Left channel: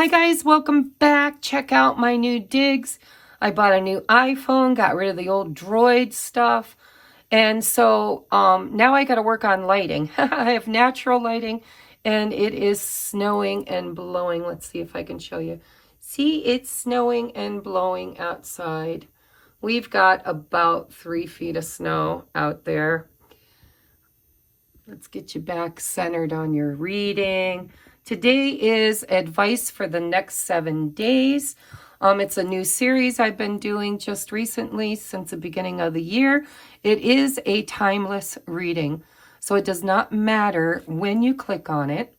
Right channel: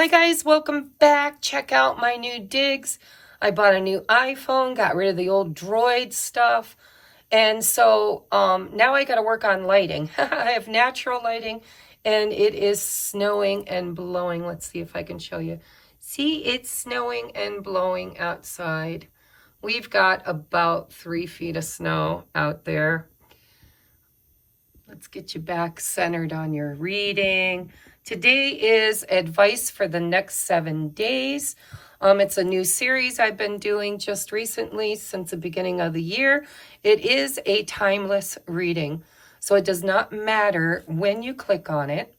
Hi guys, welcome back. Check out my new digs. I bought a new iPhone, got rid of the old Droid stuff. And so now I got to work on lighting. I have natural lighting and it is snowing and blowing. Let's see if I can show you. See, it's snowing and blowing outside. We've got about 3 feet of snow out there. Let's get you back centered on your reading. Today is advice for the next 7 days. It's a new series I've been doing just recently since the beginning of the year. It is a timeless reading, so it does not matter when you click on it.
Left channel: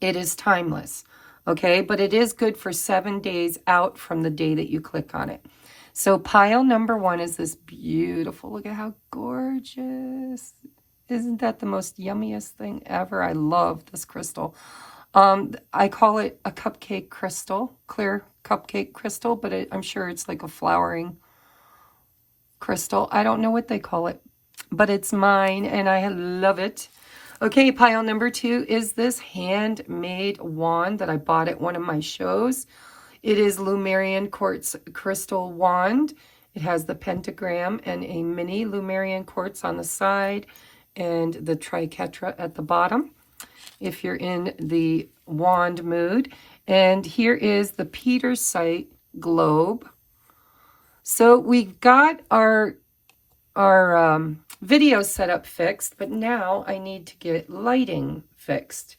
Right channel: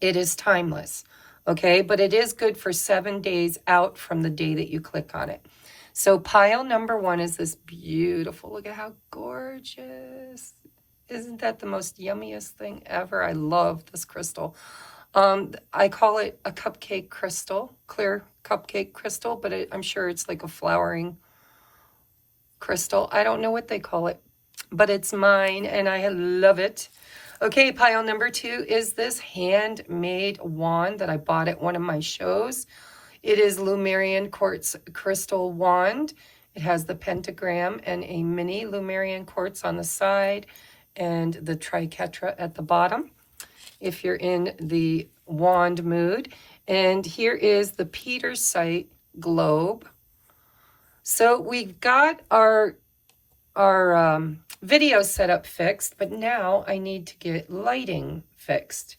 It is timeless, okay? But it is good for 7 days out from the day that you click on it. So pile number 1 is this beautiful, look at how gorgeous. Isn't that the most yummiest thing ever? I love this crystal. I call it a cupcake crystal, clear cupcake crystal, but I'm sure it's like a flowering crystal. I don't know what they call it, but it's mine and I love it. Okay, pile number 2 is this handmade wand that I bought at one of my shows. It is Lumerian quartz crystal wand. It has the pentagram and a mini Lumerian quartz on the side and the triquetra at the bottom, if you're in the wand mood. And here is the Petersite globe. So we got our video setup fixed, but now I need to get lighting fixed,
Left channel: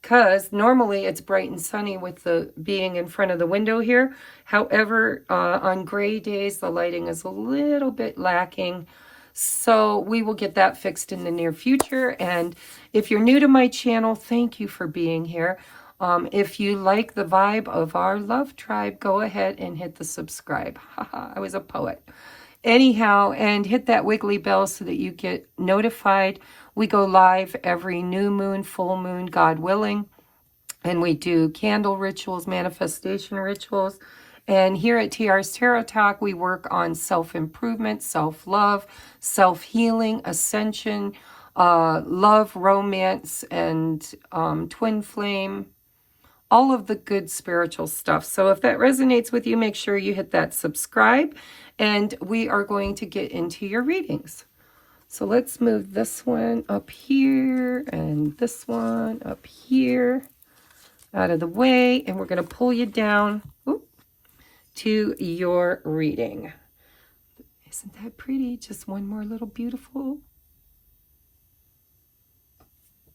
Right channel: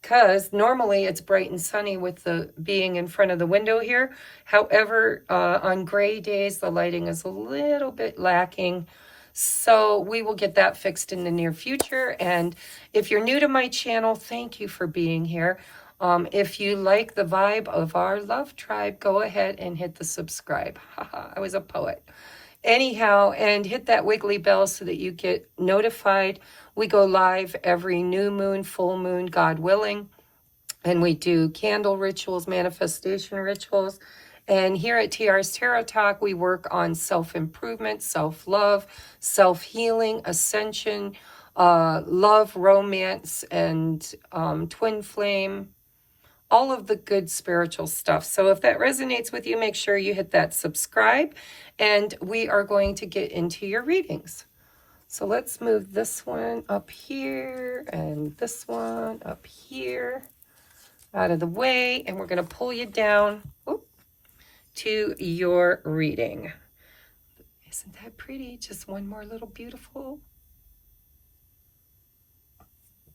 because normally it's bright and sunny with the being in front of the window here. However, on gray days, the lighting is a little bit lacking. So we will get that fixed in the near future. And if you're new to my channel, thank you for being here. If you like the vibe of our love tribe, go ahead and hit the subscribe. I was a poet. Anyhow, and hit that wiggly bell so that you get notified. We go live every new moon, full moon, God willing. And we do candle rituals, manifestation rituals. And here at TR's Tarot Talk, we work on self-improvement, self-love, self-healing, ascension, love, romance, and twin flame, all of the good spiritual stuff. So if that resonates with you, make sure you hit that subscribe, and we are going to get into your readings. So let's move this one up here and this one up here out of the way, and we're going to pull you down to your reading. Isn't that pretty? Just one more little beautiful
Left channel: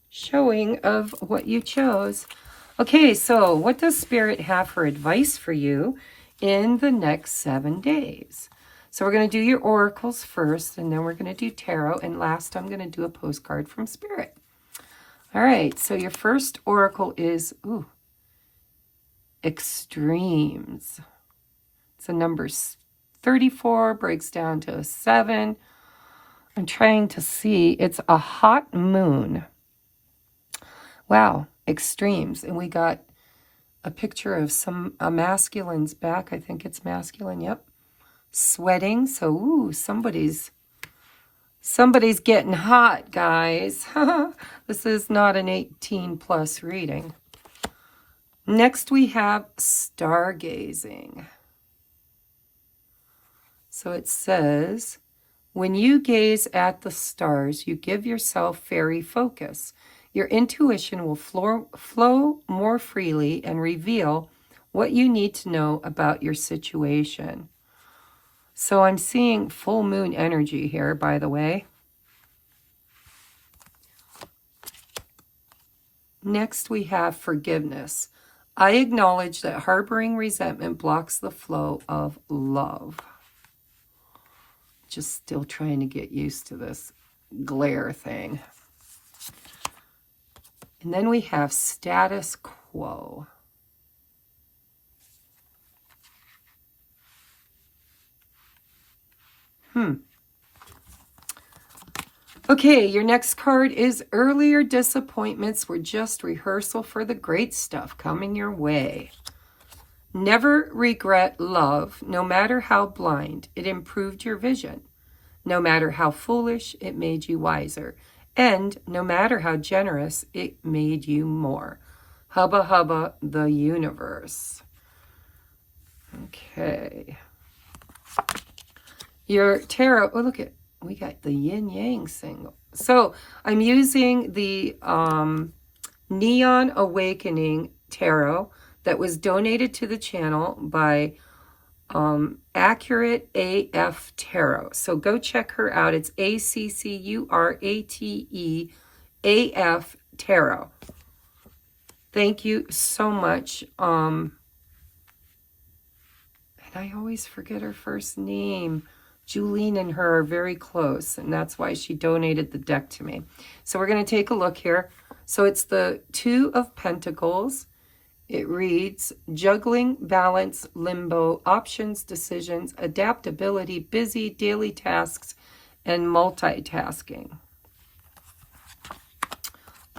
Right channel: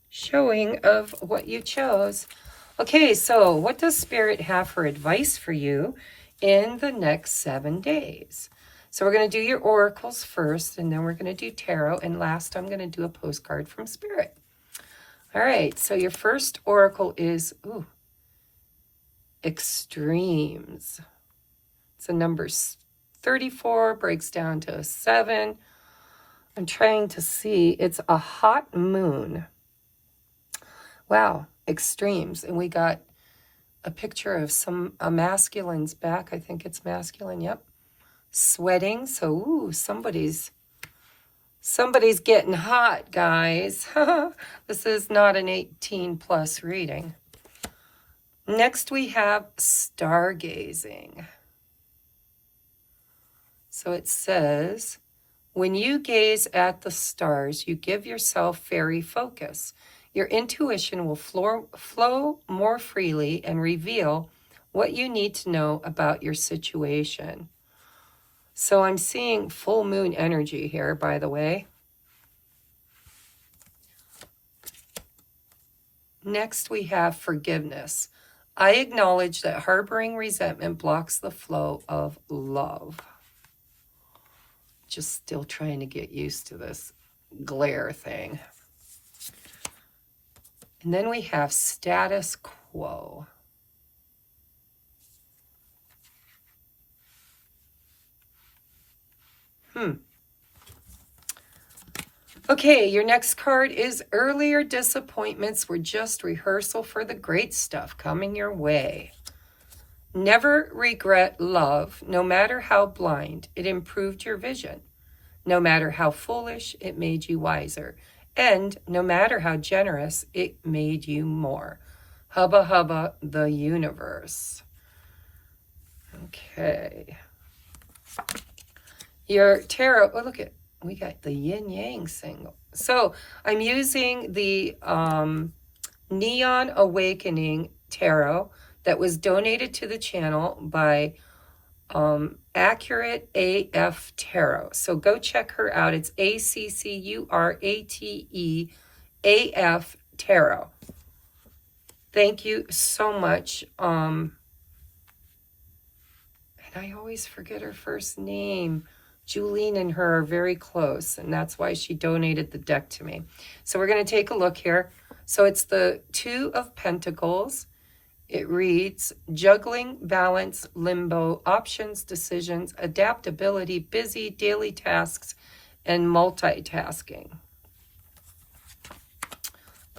showing of what you chose. Okay, so what does Spirit have for advice for you in the next 7 days? So we're going to do your oracles first, and then we're going to do tarot, and last I'm going to do a postcard from Spirit. All right, so your first oracle is extremes. So number 34 breaks down to a 7. I'm trying to see. It's a hot moon. Wow, extremes. And we got a picture of a masculine's back. I think it's masculine. Yep. Sweating. So, somebody's getting hot, guys. This is not an 18+ reading. Next, we have stargazing. So it says, when you gaze at the stars, you give yourself fairy focus. Your intuition will flow more freely and reveal what you need to know about your situation. So I'm seeing full moon energy here, by the way. Next, we have forgiveness. I acknowledge that harboring resentment blocks the flow of love. Just still trying to get used to this glare thing. And then we have status quo. Okay, your next card is earlier disappointments were just rehearsal for the great stuff coming your way. Never regret love, no matter how blind, it improved your vision. No matter how foolish, it made you wiser. And no matter how generous, it made you more. Hubba Hubba, the universe. Okay. Your tarot, oh, look at, we got the yin yang single. So I'm using the Neon Awakening Tarot that was donated to the channel by Accurate AF Tarot. So go check her out. It's ACCURATE AF Tarot. Thank you so much. And I always forget her first name. Julene and her are very close, and that's why she donated the deck to me. So we're going to take a look here. So it's the Two of Pentacles. It reads, juggling, balance, limbo, options, decisions, adaptability, busy, daily tasks, and multitasking.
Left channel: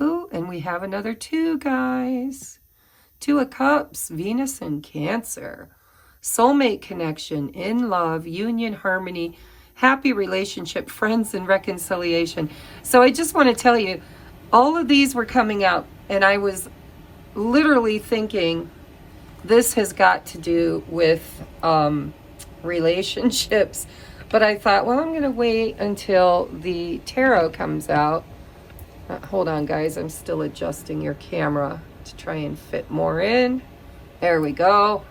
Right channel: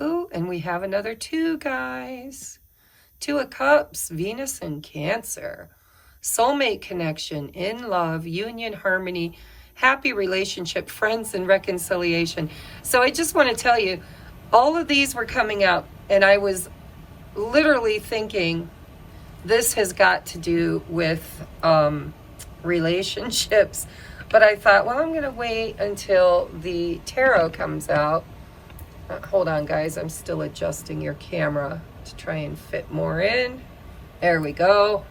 Ooh, and we have another two, guys. Two of Cups, Venus and Cancer. Soulmate connection, in love, union, harmony, happy relationship, friends, and reconciliation. So I just want to tell you, all of these were coming out, and I was literally thinking this has got to do with relationships. But I thought, well, I'm going to wait until the tarot comes out. Hold on, guys. I'm still adjusting your camera to try and fit more in. There we go.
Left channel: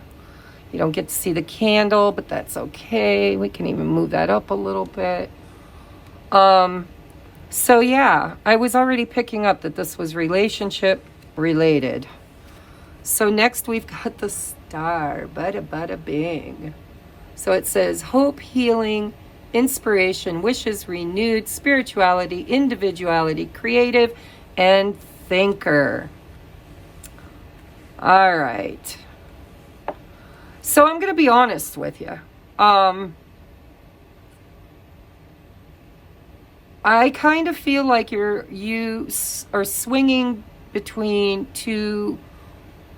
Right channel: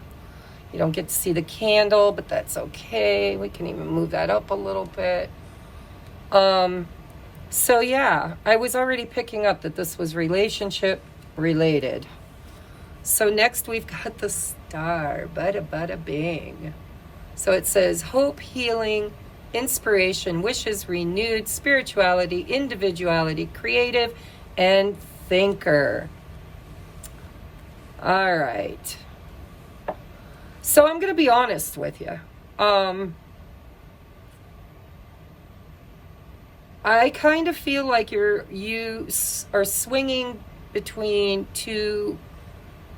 You don't get to see the candle, but that's okay. We can even move that up a little bit. So yeah, I was already picking up that this was relationship related. So next we've got the Star. Bada bada bing. So it says hope, healing, inspiration, wishes renewed, spirituality, individuality, creative, and thinker. All right. So I'm going to be honest with you. I kind of feel like you are swinging between two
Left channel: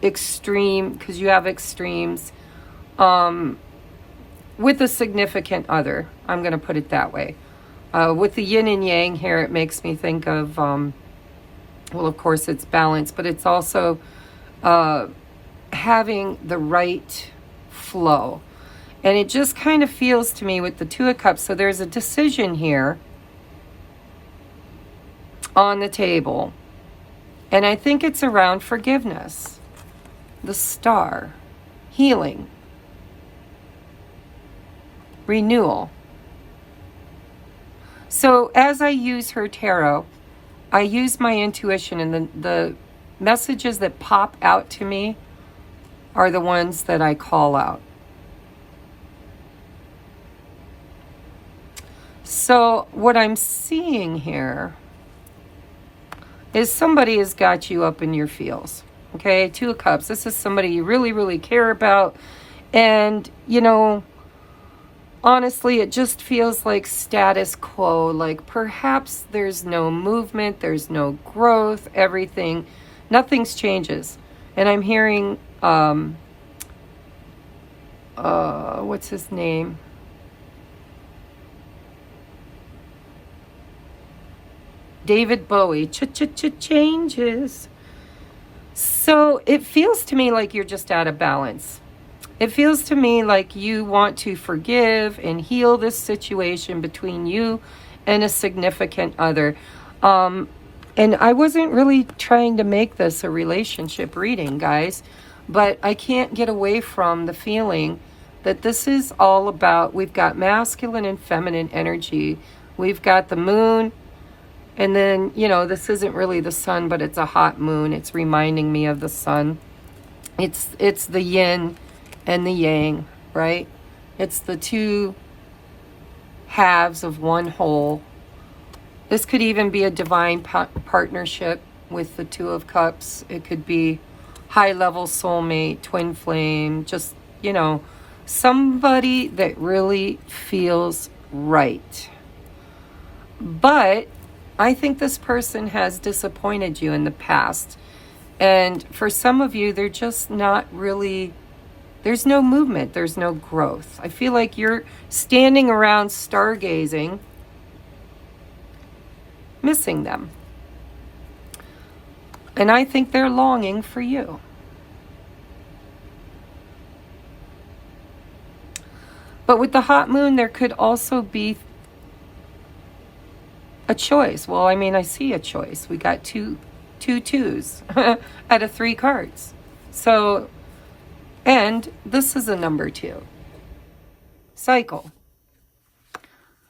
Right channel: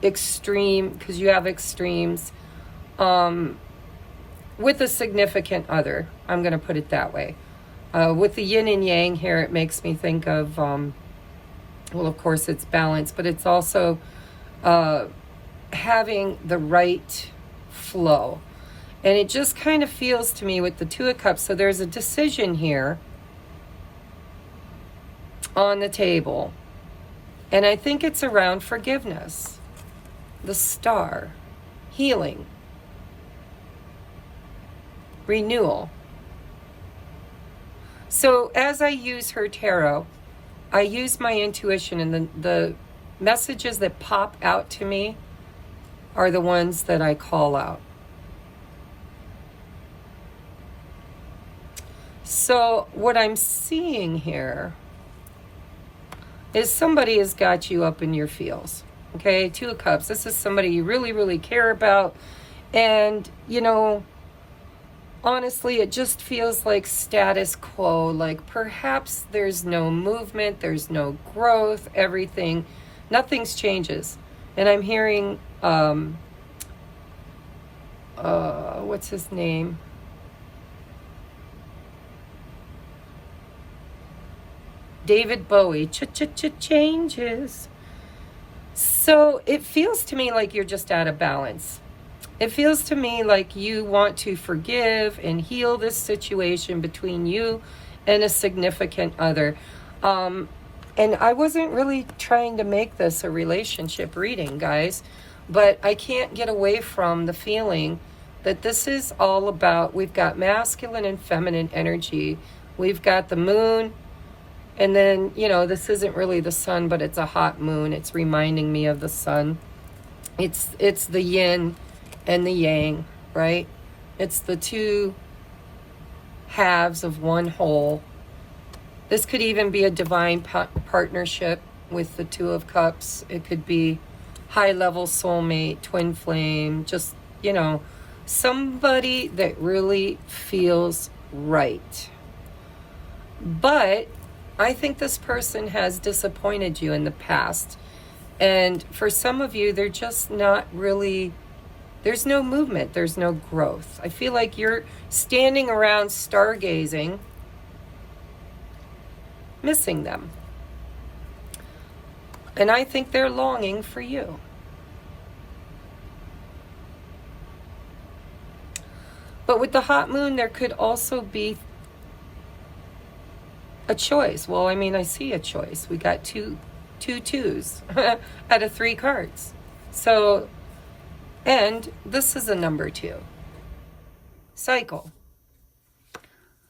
extreme, because you have extremes, with a significant other. I'm going to put it that way. With the yin and yang here, it makes me think of, well, of course it's balance, but it's also having the right flow. And it just kind of feels to me with the Two of Cups, so there's a decision here on the table. And I think it's around forgiveness. The Star. Healing. Renewal. So as I use her tarot, I use my intuition, and the messages that pop out to me are the ones that I call out. So what I'm seeing here is somebody has got you up in your feels. Okay, Two of Cups. This is somebody you really, really care about. And, you know, honestly, it just feels like status quo. Like perhaps there's no movement, there's no growth, everything, nothing's changes. And I'm hearing, what's his name? David Bowie, changes. So it feels to me like you're just out of balance. It feels to me like you want to forgive and heal this situation between you and a significant other. And I wasn't really trying to make this a relationship reading, guys, but I can't get away from the feeling that this is all about, we've got masculine and feminine energy. We've got the moon, and then, you know, this isn't really the sun, but it's a hot moon. It's reminding me of the sun. It's the yin and the yang, right? It's the two halves of one whole. This could even be a divine partnership with the Two of Cups. It could be high-level soulmate, twin flame, just, you know, somebody that really feels right. But I think this person has disappointed you in the past. And for some of you, they're just not really, there's no movement, there's no growth. I feel like you're standing around stargazing, missing them. And I think they're longing for you. But with the hot moon, there could also be a choice. Well, I mean, I see a choice. We got two twos out of 3 cards. So, and this is a number 2. Cycle.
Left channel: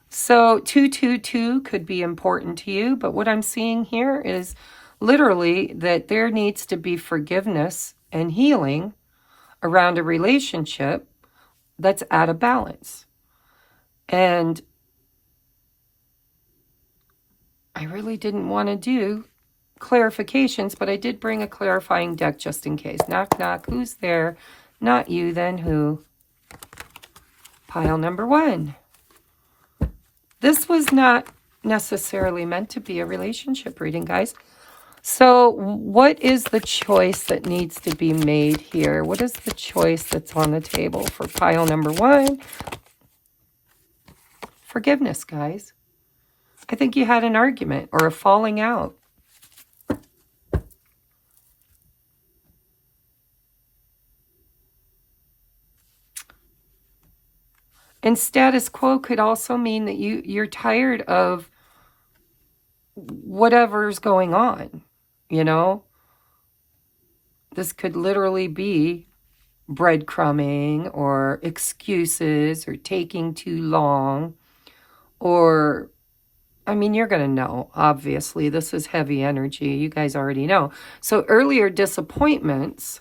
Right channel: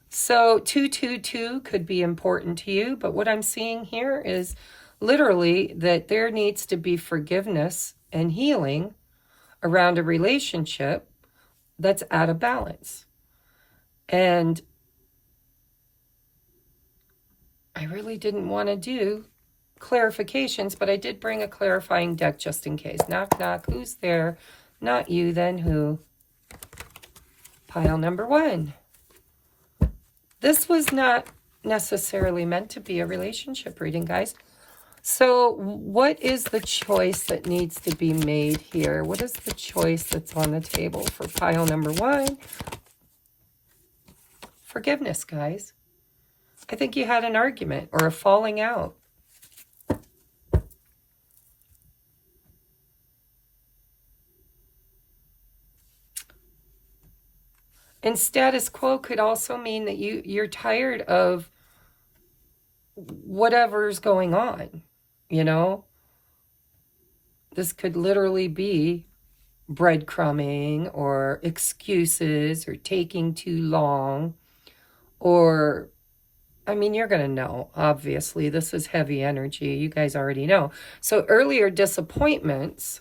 So 222 could be important to you, but what I'm seeing here is literally that there needs to be forgiveness and healing around a relationship that's out of balance. And I really didn't want to do clarifications, but I did bring a clarifying deck just in case. Knock, knock. Who's there? Not you, then who? Pile number 1. This was not necessarily meant to be a relationship reading, guys. So what is the choice that needs to be made here? What is the choice that's on the table for pile number 1? Forgiveness, guys. I think you had an argument or a falling out. And status quo could also mean that you're tired of whatever's going on, you know? This could literally be breadcrumbing or excuses or taking too long or, I mean, you're going to know, obviously. This is heavy energy. You guys already know. So earlier disappointments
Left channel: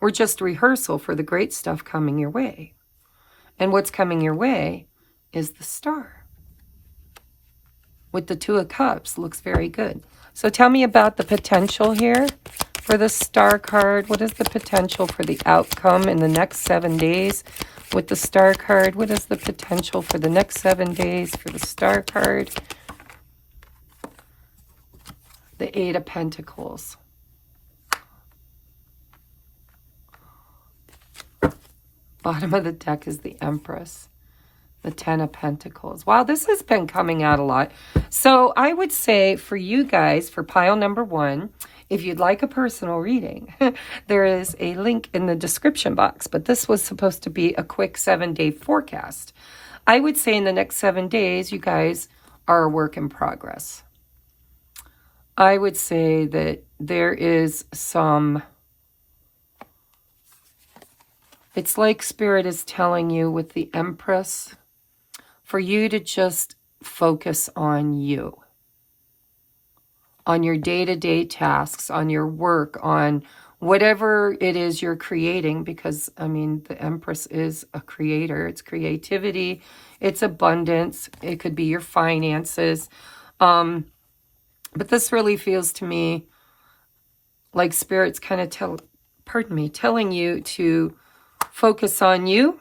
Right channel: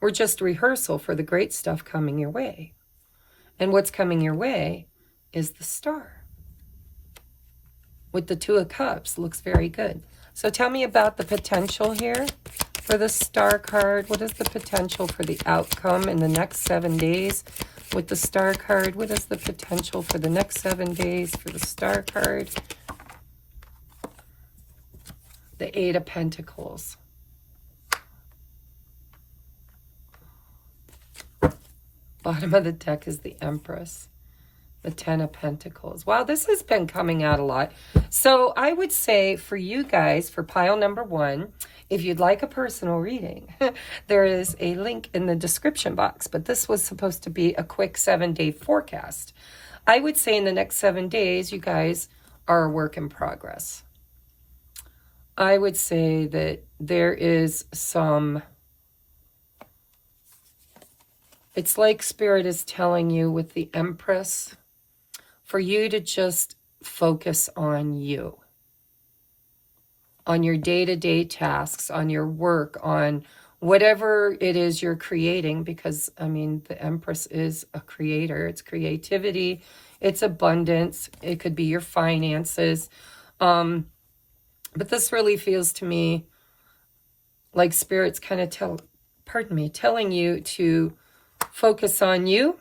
were just rehearsal for the great stuff coming your way. And what's coming your way is the Star. With the 2 of Cups, looks very good. So tell me about the potential here for the Star card. What is the potential for the outcome in the next 7 days? With the Star card, what is the potential for the next 7 days for the Star card? The 8 of Pentacles. Bottom of the deck is the Empress. The 10 of Pentacles. Wow, this has been coming out a lot. So I would say for you guys, for pile number 1, if you'd like a personal reading, there is a link in the description box. But this was supposed to be a quick 7-day forecast. I would say in the next 7 days, you guys are a work in progress. I would say that there is some... It's like Spirit is telling you with the Empress for you to just focus on you, on your day-to-day tasks, on your work, on whatever it is you're creating, because, I mean, the Empress is a creator. It's creativity. It's abundance. It could be your finances. But this really feels to me like Spirit's kind of telling you to focus on you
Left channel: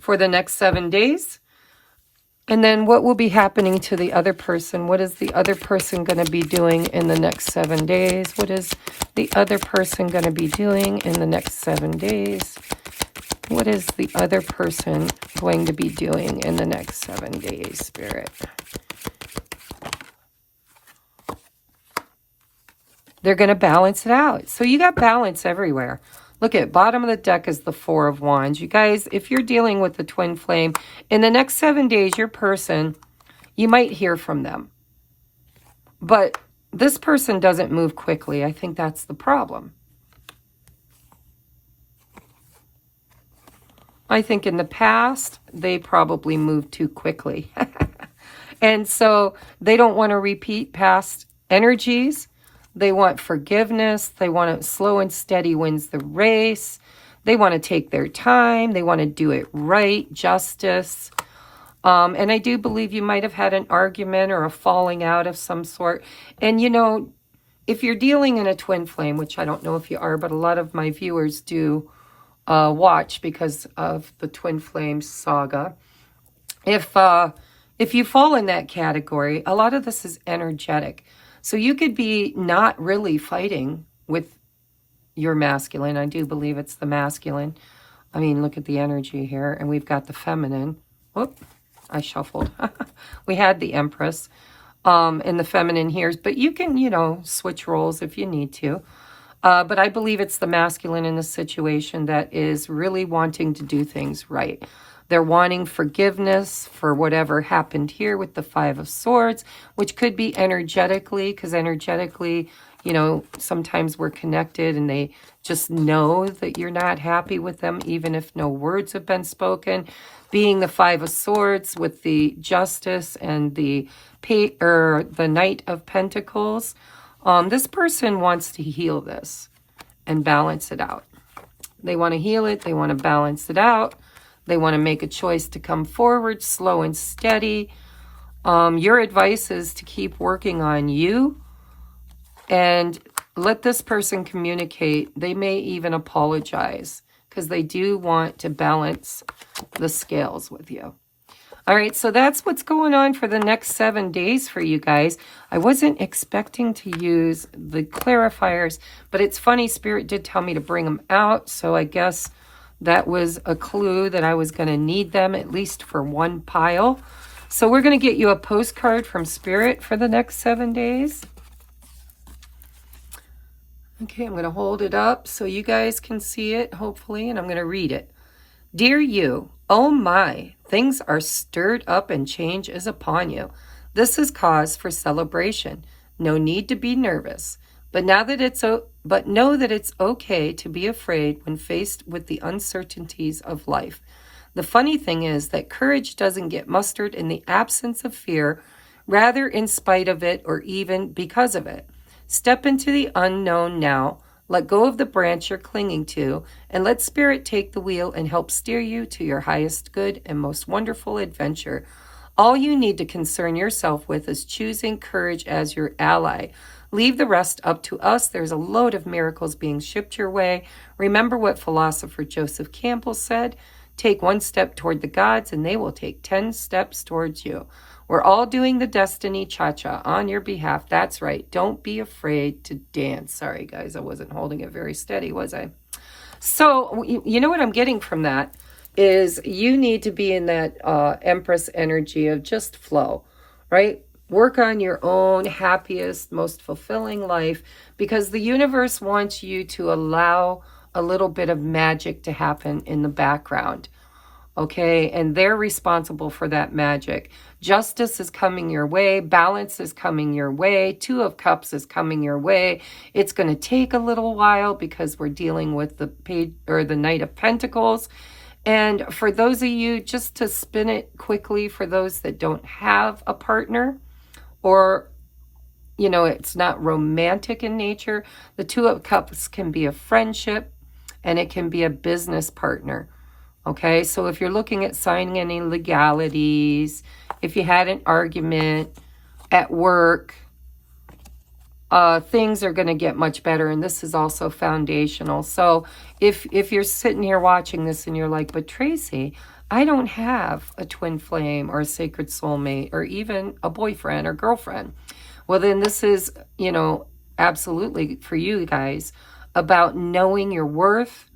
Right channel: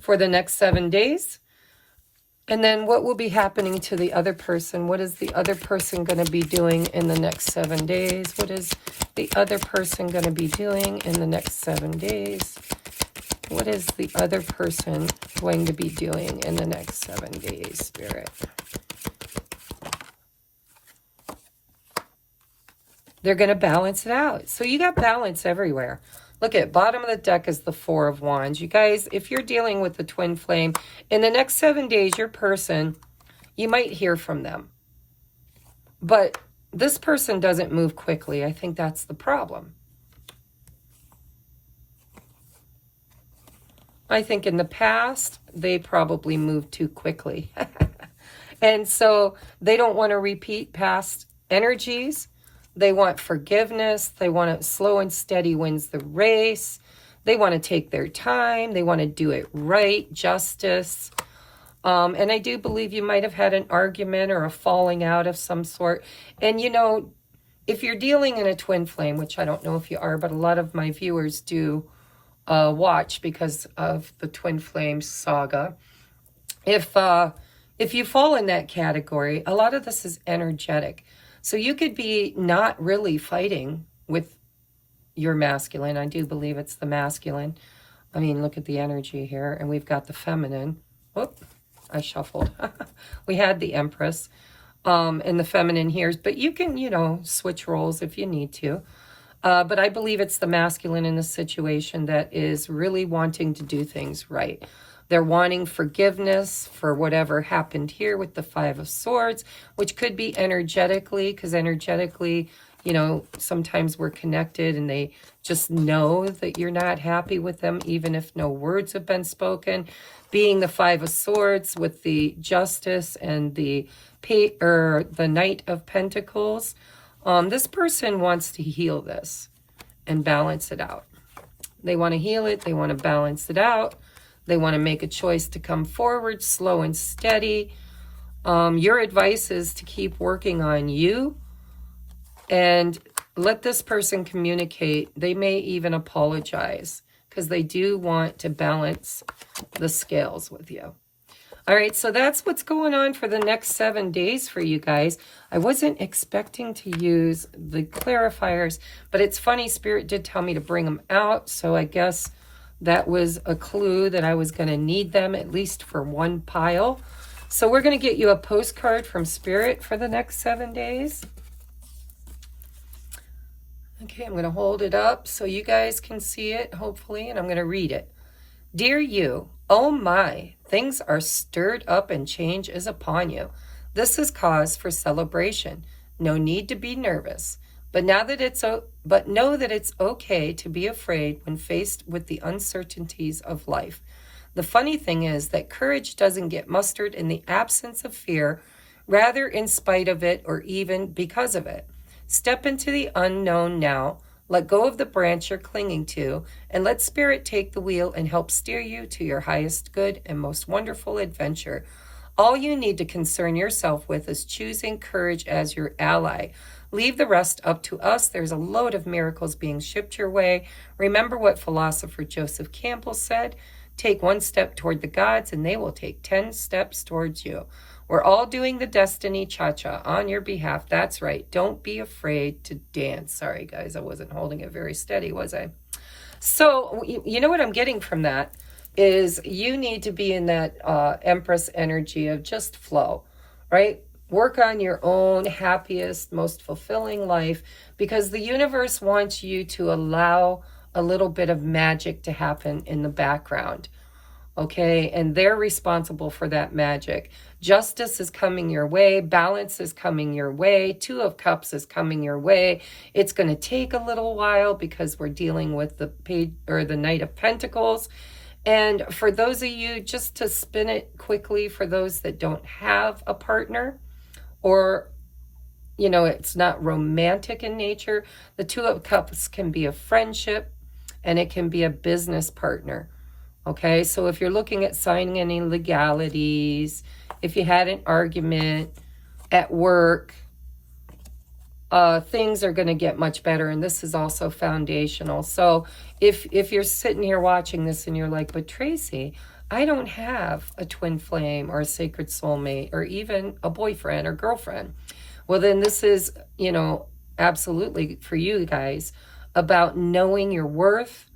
for the next 7 days. And then what will be happening to the other person? What is the other person going to be doing in the next 7 days? What is the other person going to be doing in the next 7 days? What is the other person going to be doing in the next 7 days, Spirit? They're going to balance it out. So you got balance everywhere. Look at bottom of the deck is the 4 of Wands. You guys, if you're dealing with the twin flame, in the next 7 days, your person, you might hear from them. But this person doesn't move quickly. I think that's the problem. I think in the past, they probably moved too quickly. And so they don't want to repeat past energies. They want forgiveness. They want it slow and steady wins the race. They want to take their time. They want to do it right, justice. And I do believe you might have had an argument or a falling out of some sort. And, you know, if you're dealing in a twin flame, which I don't know if you are, but a lot of my viewers do watch because of the twin flame saga. If you fall in that category, a lot of this is energetic. So you could be not really fighting with your masculine. I do believe it's the masculine. I mean, look at the energy here. And we've got the feminine. Whoop, I shuffled. We had the Empress. in the feminine here, but you can, you know, switch roles if you need to. But I believe it's the masculine in the situation that is really wanting to do things right. They're wanting forgiveness for whatever happened here with the Five of Swords, which could be energetically, because energetically, you know, sometimes we're connected and they just know that you're not happy with them, even if no words have been spoken. Being the Five of Swords with the Justice and the Knight of Pentacles, this person wants to heal this and balance it out. They want to heal it. They want to balance it out. They want to make a choice to come forward, slow and steady. Your advice is to keep working on you and let this person communicate. They may even apologize because they do want to balance the scales with you. All right, so that's what's going on for the next 7 days for you guys. I wasn't expecting to use the clarifiers, but it's funny, Spirit did tell me to bring them out, so I guess that was a clue that I was going to need them at least for one pile. So we're going to get you a postcard from Spirit for the next 7 days. Okay, I'm going to hold it up so you guys can see it, hopefully, and I'm going to read it. Dear you, oh my, things are stirred up and change is upon you. This is cause for celebration. No need to be nervous. But know that it's okay to be afraid when faced with the uncertainties of life. The funny thing is that courage doesn't get mustered in the absence of fear, rather in spite of it or even because of it. Step into the unknown now. Let go of the branch you're clinging to, and let Spirit take the wheel and help steer you to your highest good and most wonderful adventure. All you need to concern yourself with is choosing courage as your ally. Leave the rest up to us. There's a load of miracles being shipped your way. Remember what philosopher Joseph Campbell said, take one step toward the gods and they will take 10 steps towards you. We're all doing the Destiny Cha-Cha on your behalf. That's right. Don't be afraid to dance. Sorry, guys, I wasn't holding it very steady, was I? So, you know what I'm getting from that is you need to be in that Empress energy of just flow, right? Work on your own happiest, most fulfilling life because the universe wants you to allow a little bit of magic to happen in the background. Okay, and they're responsible for that magic. Justice is coming your way. Balance is coming your way. Two of Cups is coming your way. It's going to take a little while because we're dealing with the Knight of Pentacles. And for those of you, just to spin it quickly, for those that don't have a partner or, you know, it's not romantic in nature, the Two of Cups can be a friendship and it can be a business partner. Okay, so if you're looking at signing any legalities, if you had an argument at work, things are going to get much better. And this is also foundational. So if you're sitting here watching this and you're like, but Tracie, I don't have a twin flame or a sacred soulmate or even a boyfriend or girlfriend. Well, then this is, you know, absolutely for you guys about knowing your worth.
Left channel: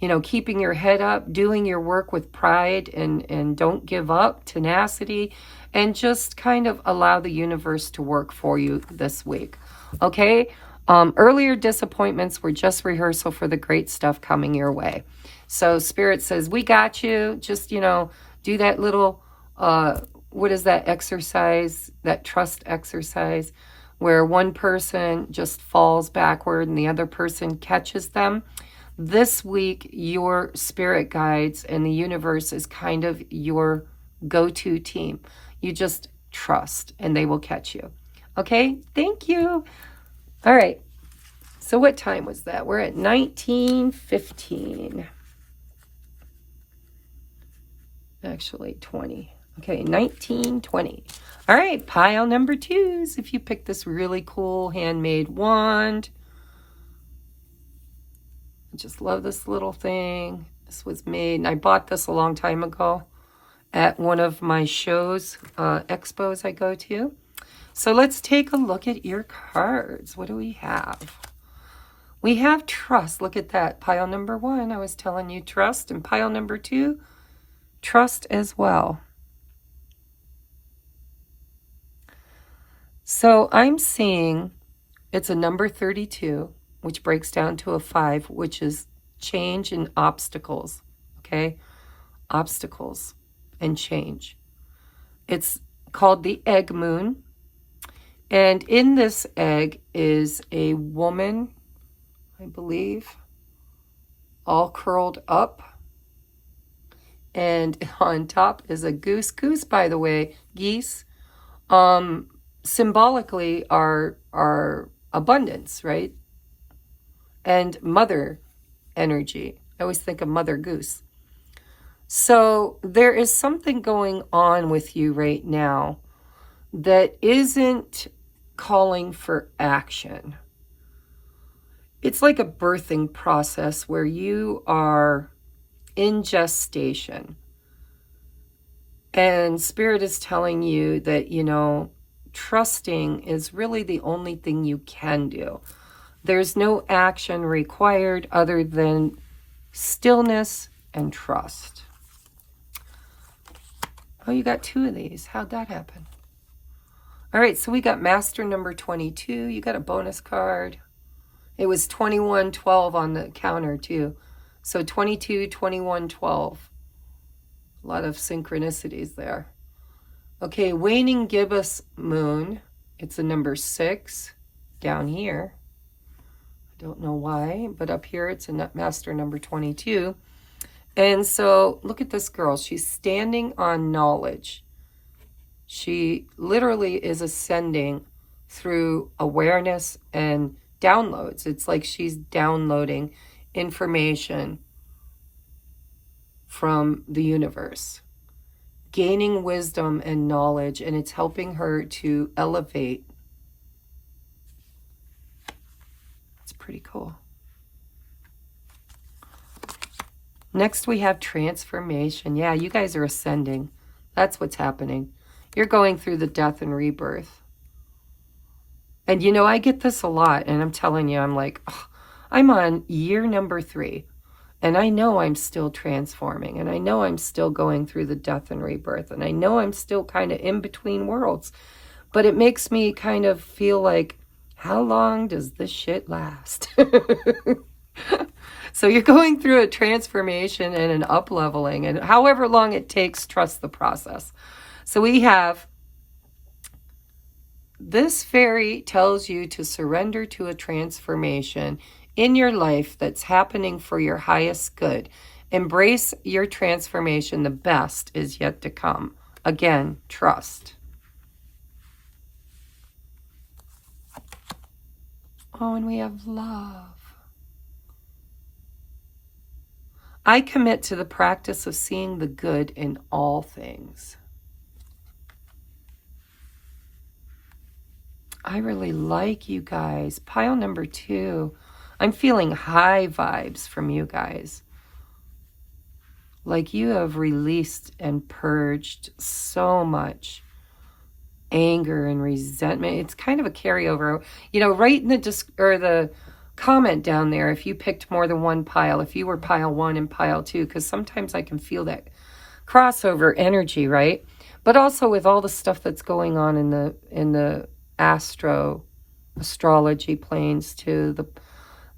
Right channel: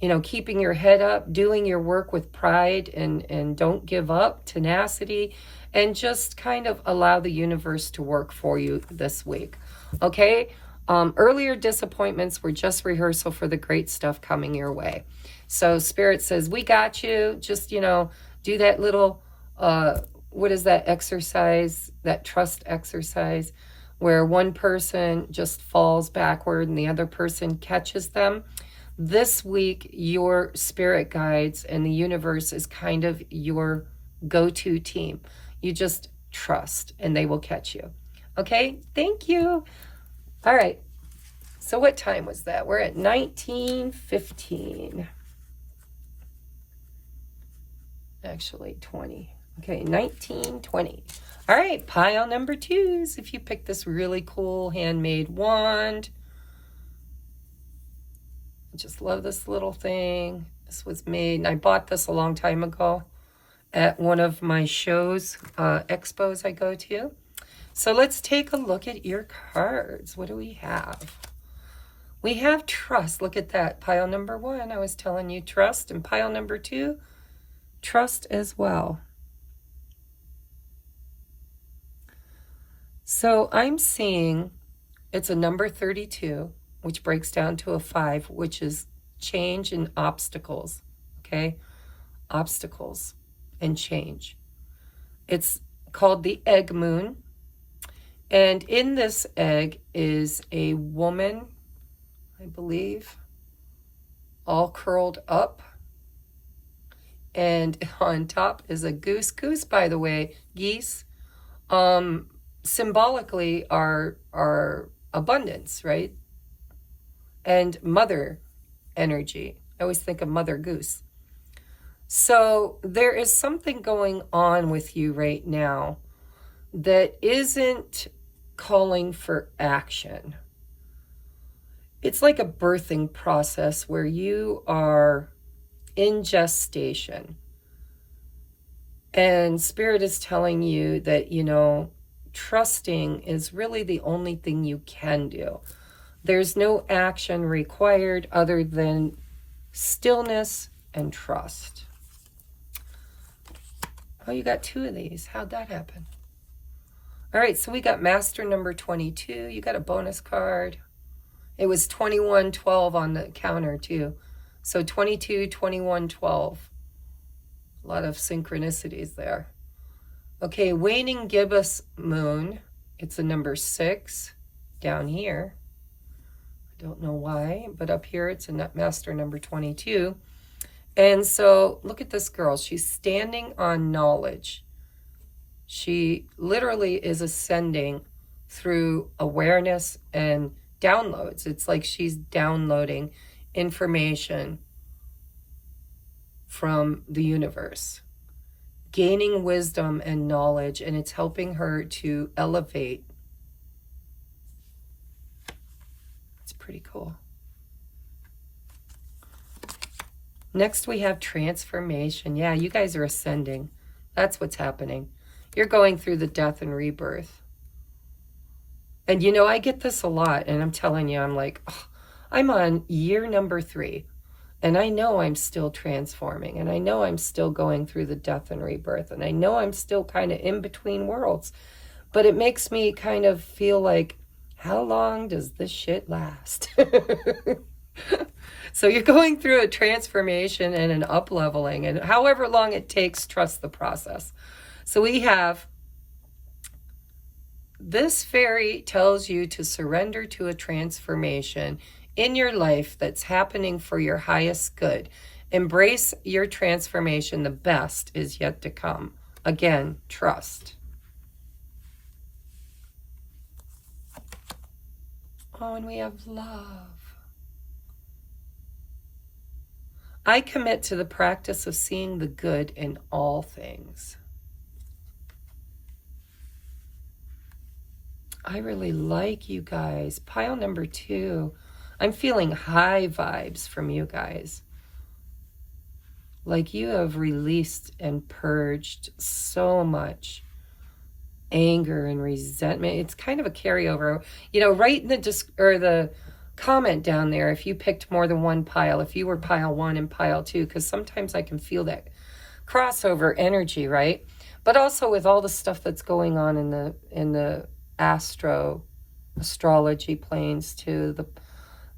You know, keeping your head up, doing your work with pride and don't give up, tenacity, and just kind of allow the universe to work for you this week. Okay? Earlier disappointments were just rehearsal for the great stuff coming your way. So Spirit says, we got you. Just, you know, do that little, what is that exercise, that trust exercise, where one person just falls backward and the other person catches them. This week, your spirit guides and the universe is kind of your go-to team. You just trust and they will catch you. Okay, thank you. All right, so what time was that? We're at 19:15. Actually, 20. Okay, 19:20. All right, pile number 2s. If you pick this really cool handmade wand, I just love this little thing. This was made, and I bought this a long time ago at one of my shows, expos I go to. So let's take a look at your cards. What do we have? We have trust. Look at that. Pile number 1, I was telling you trust. And pile number 2, trust as well. So I'm seeing it's a number 32, which breaks down to a 5, which is change and obstacles. Okay? Obstacles and change. It's called the egg moon. And in this egg is a woman, I believe, all curled up. And on top is a goose. Goose, by the way, geese, symbolically are abundance, right? And mother energy. I always think of Mother Goose. So there is something going on with you right now that isn't calling for action. It's like a birthing process where you are in gestation. And Spirit is telling you that, you know, trusting is really the only thing you can do. There's no action required other than stillness and trust. Oh, you got 2 of these. How'd that happen? All right, so we got Master number 22. You got a bonus card. It was 2112 on the counter, too. So 22, 21, 12. A lot of synchronicities there. Okay, waning gibbous moon. It's a number 6 down here. I don't know why, but up here it's a Master number 22. And so look at this girl. She's standing on knowledge. She literally is ascending through awareness and downloads. It's like she's downloading information from the universe, gaining wisdom and knowledge, and it's helping her to elevate. It's pretty cool. Next we have transformation. Yeah, you guys are ascending. That's what's happening. You're going through the death and rebirth. And you know, I get this a lot, and I'm telling you, I'm like, oh, I'm on year number 3. And I know I'm still transforming, and I know I'm still going through the death and rebirth, and I know I'm still kind of in between worlds. But it makes me kind of feel like, how long does this shit last? So you're going through a transformation and an up-leveling, and however long it takes, trust the process. So we have, this fairy tells you to surrender to a transformation in your life that's happening for your highest good. Embrace your transformation. The best is yet to come. Again, trust. Oh, and we have love. I commit to the practice of seeing the good in all things. I really like you guys. Pile number 2. I'm feeling high vibes from you guys. Like you have released and purged so much anger and resentment. It's kind of a carryover. You know, write in the comment down there if you picked more than one pile, if you were pile 1 and pile 2, because sometimes I can feel that crossover energy, right? But also with all the stuff that's going on in the astrology planes too.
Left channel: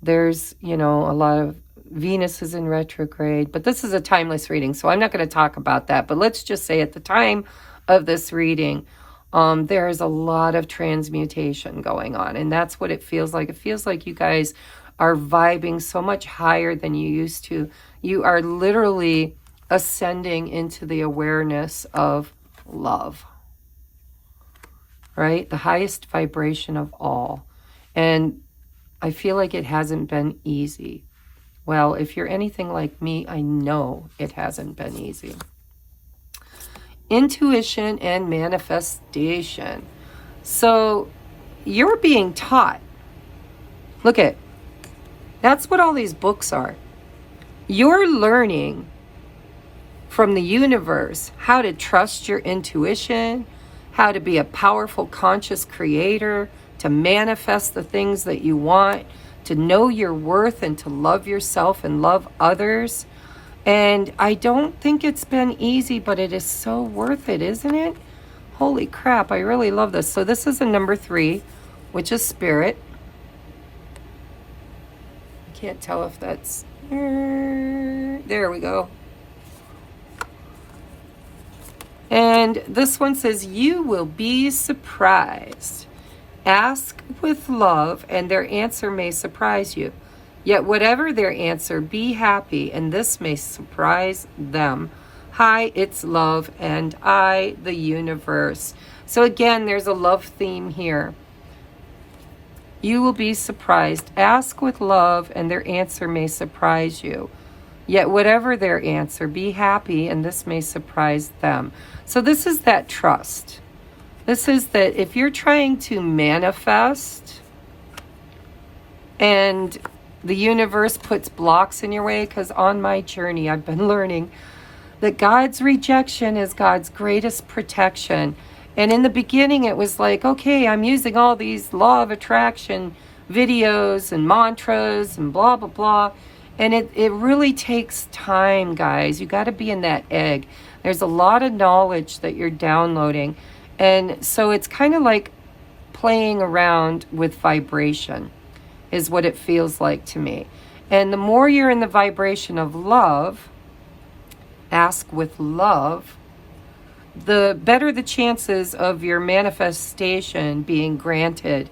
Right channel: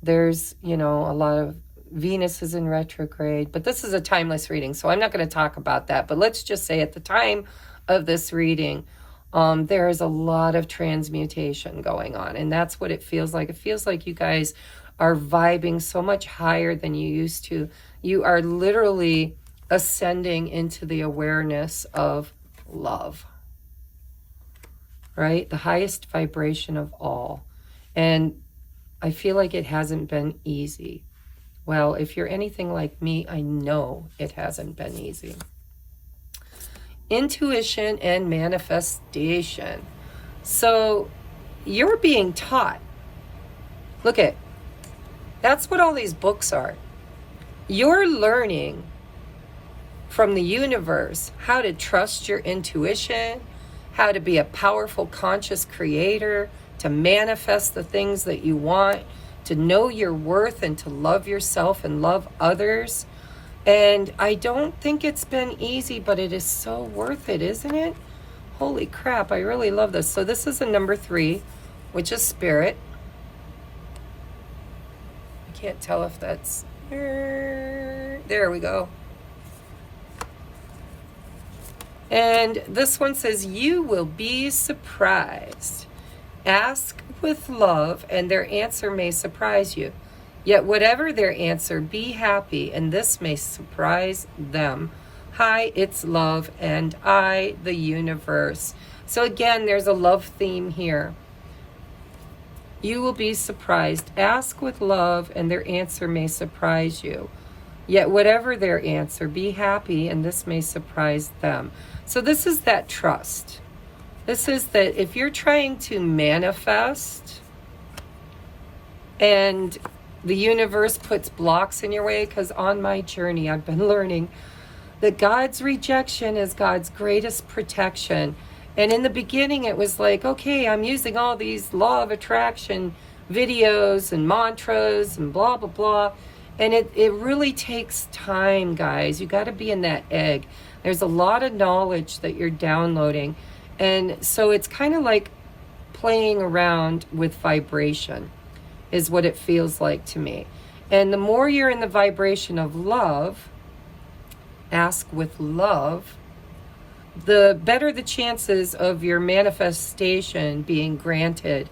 There's, you know, a lot of Venus is in retrograde, but this is a timeless reading, so I'm not going to talk about that. But let's just say at the time of this reading, there is a lot of transmutation going on, and that's what it feels like. It feels like you guys are vibing so much higher than you used to. You are literally ascending into the awareness of love, right? The highest vibration of all. And I feel like it hasn't been easy. Well, if you're anything like me, I know it hasn't been easy. Intuition and manifestation. So you're being taught. Look at, that's what all these books are. You're learning from the universe how to trust your intuition, how to be a powerful, conscious creator, to manifest the things that you want, to know your worth and to love yourself and love others. And I don't think it's been easy, but it is so worth it, isn't it? Holy crap, I really love this. So this is a number 3, which is spirit. I can't tell if that's... There we go. And this one says, you will be surprised. Ask with love, and their answer may surprise you. Yet whatever their answer, be happy, and this may surprise them. Hi, it's love, and I, the universe. So again, there's a love theme here. You will be surprised. Ask with love, and their answer may surprise you. Yet whatever their answer, be happy, and this may surprise them. So this is that trust. This is that if you're trying to manifest and the universe puts blocks in your way, because on my journey I've been learning that God's rejection is God's greatest protection. And in the beginning it was like, okay, I'm using all these law of attraction videos and mantras and blah, blah, blah. And it really takes time, guys. You got to be in that egg. There's a lot of knowledge that you're downloading. And so it's kind of like playing around with vibration is what it feels like to me. And the more you're in the vibration of love, ask with love, the better the chances of your manifestation being granted.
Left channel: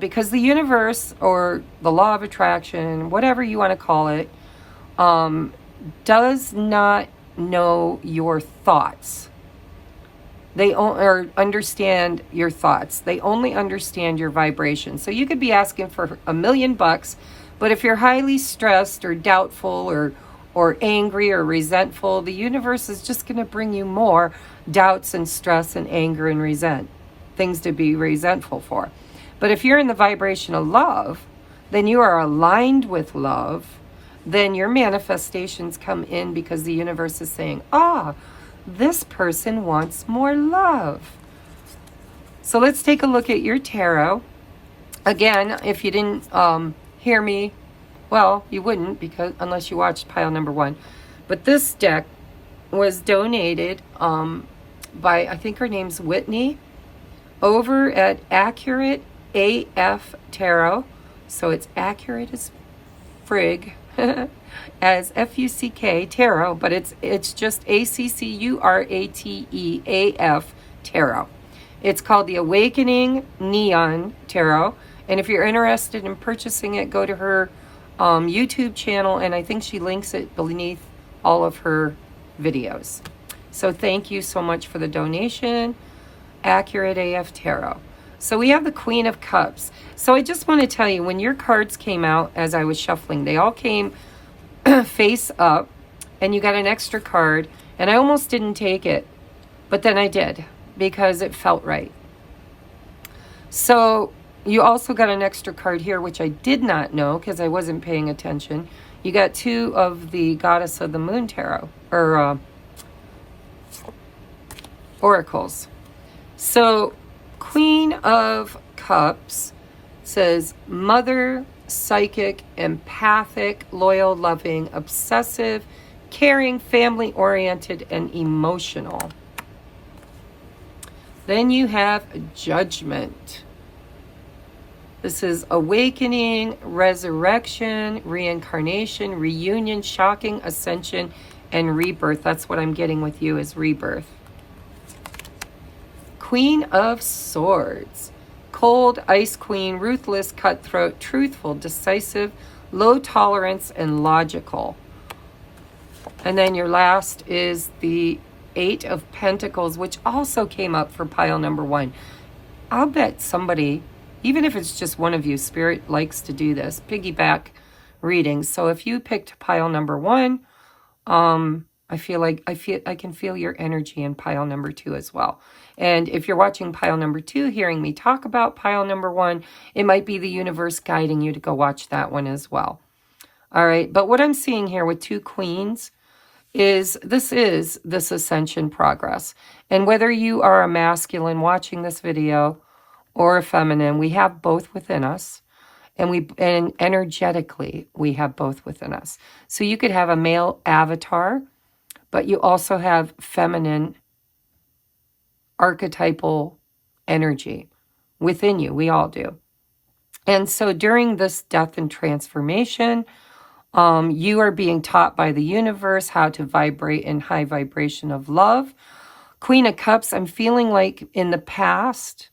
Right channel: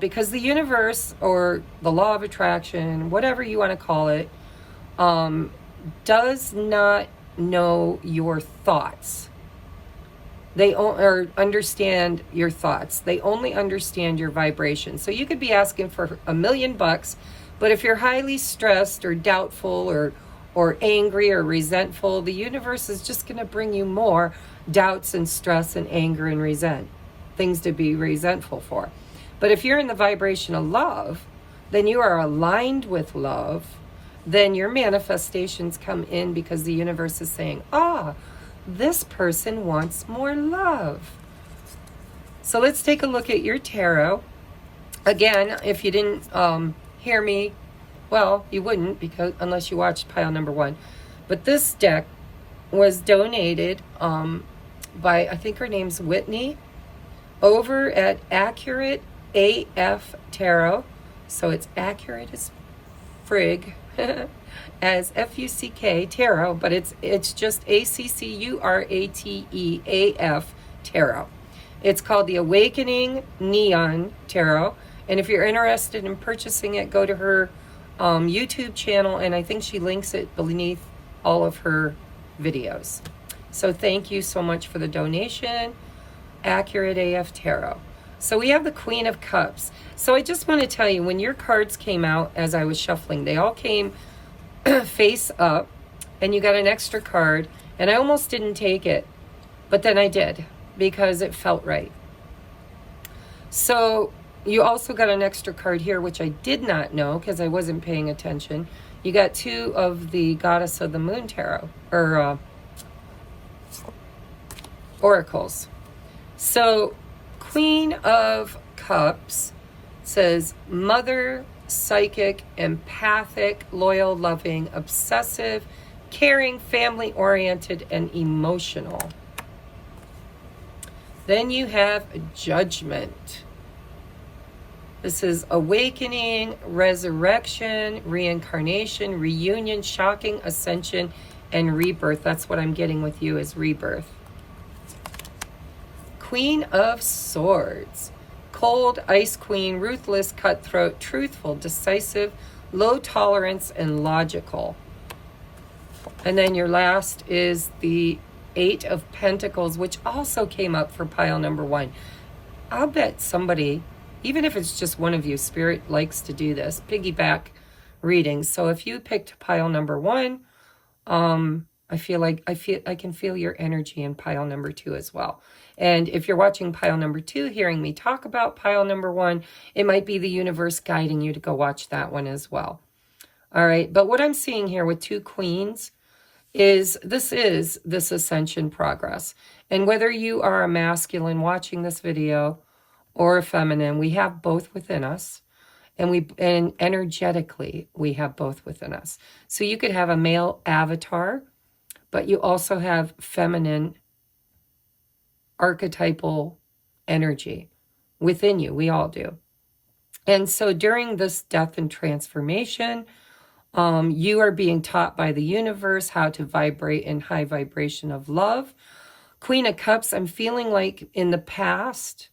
Because the universe, or the law of attraction, whatever you want to call it, does not know your thoughts. They understand your thoughts. They only understand your vibration. So you could be asking for $1 million, but if you're highly stressed or doubtful or angry or resentful, the universe is just going to bring you more doubts and stress and anger and things to be resentful for. But if you're in the vibration of love, then you are aligned with love, then your manifestations come in because the universe is saying, this person wants more love. So let's take a look at your tarot. Again, if you didn't hear me, well, you wouldn't, because unless you watched pile number 1. But this deck was donated by, I think her name's Whitney, over at Accurate AF Tarot. So it's accurate as frig, as F-U-C-K tarot, but it's just ACCURATEAF tarot. It's called the Awakening Neon Tarot. And if you're interested in purchasing it, go to her YouTube channel, and I think she links it beneath all of her videos. So thank you so much for the donation, Accurate AF Tarot. So we have the Queen of Cups. So I just want to tell you, when your cards came out as I was shuffling, they all came face up, and you got an extra card, and I almost didn't take it, but then I did because it felt right. So you also got an extra card here, which I did not know because I wasn't paying attention. You got 2 of the Goddess of the Moon Tarot, or oracles. So Queen of Cups says mother, psychic, empathic, loyal, loving, obsessive, caring, family-oriented, and emotional. Then you have Judgment. This is awakening, resurrection, reincarnation, reunion, shocking, ascension, and rebirth. That's what I'm getting with you, is rebirth. Queen of Swords. Cold, ice queen, ruthless, cutthroat, truthful, decisive, low tolerance, and logical. And then your last is the 8 of Pentacles, which also came up for pile number 1. I'll bet somebody, even if it's just one of you, Spirit likes to do this, piggyback readings. So if you picked pile number 1, I can feel your energy in pile number 2 as well. And if you're watching pile number 2, hearing me talk about pile number 1, it might be the universe guiding you to go watch that one as well. All right, but what I'm seeing here with 2 queens is this ascension progress. And whether you are a masculine watching this video or a feminine, we have both within us. And energetically, we have both within us. So you could have a male avatar, but you also have feminine archetypal energy within you. We all do. And so during this death and transformation, you are being taught by the universe how to vibrate in high vibration of love. Queen of Cups, I'm feeling like in the past,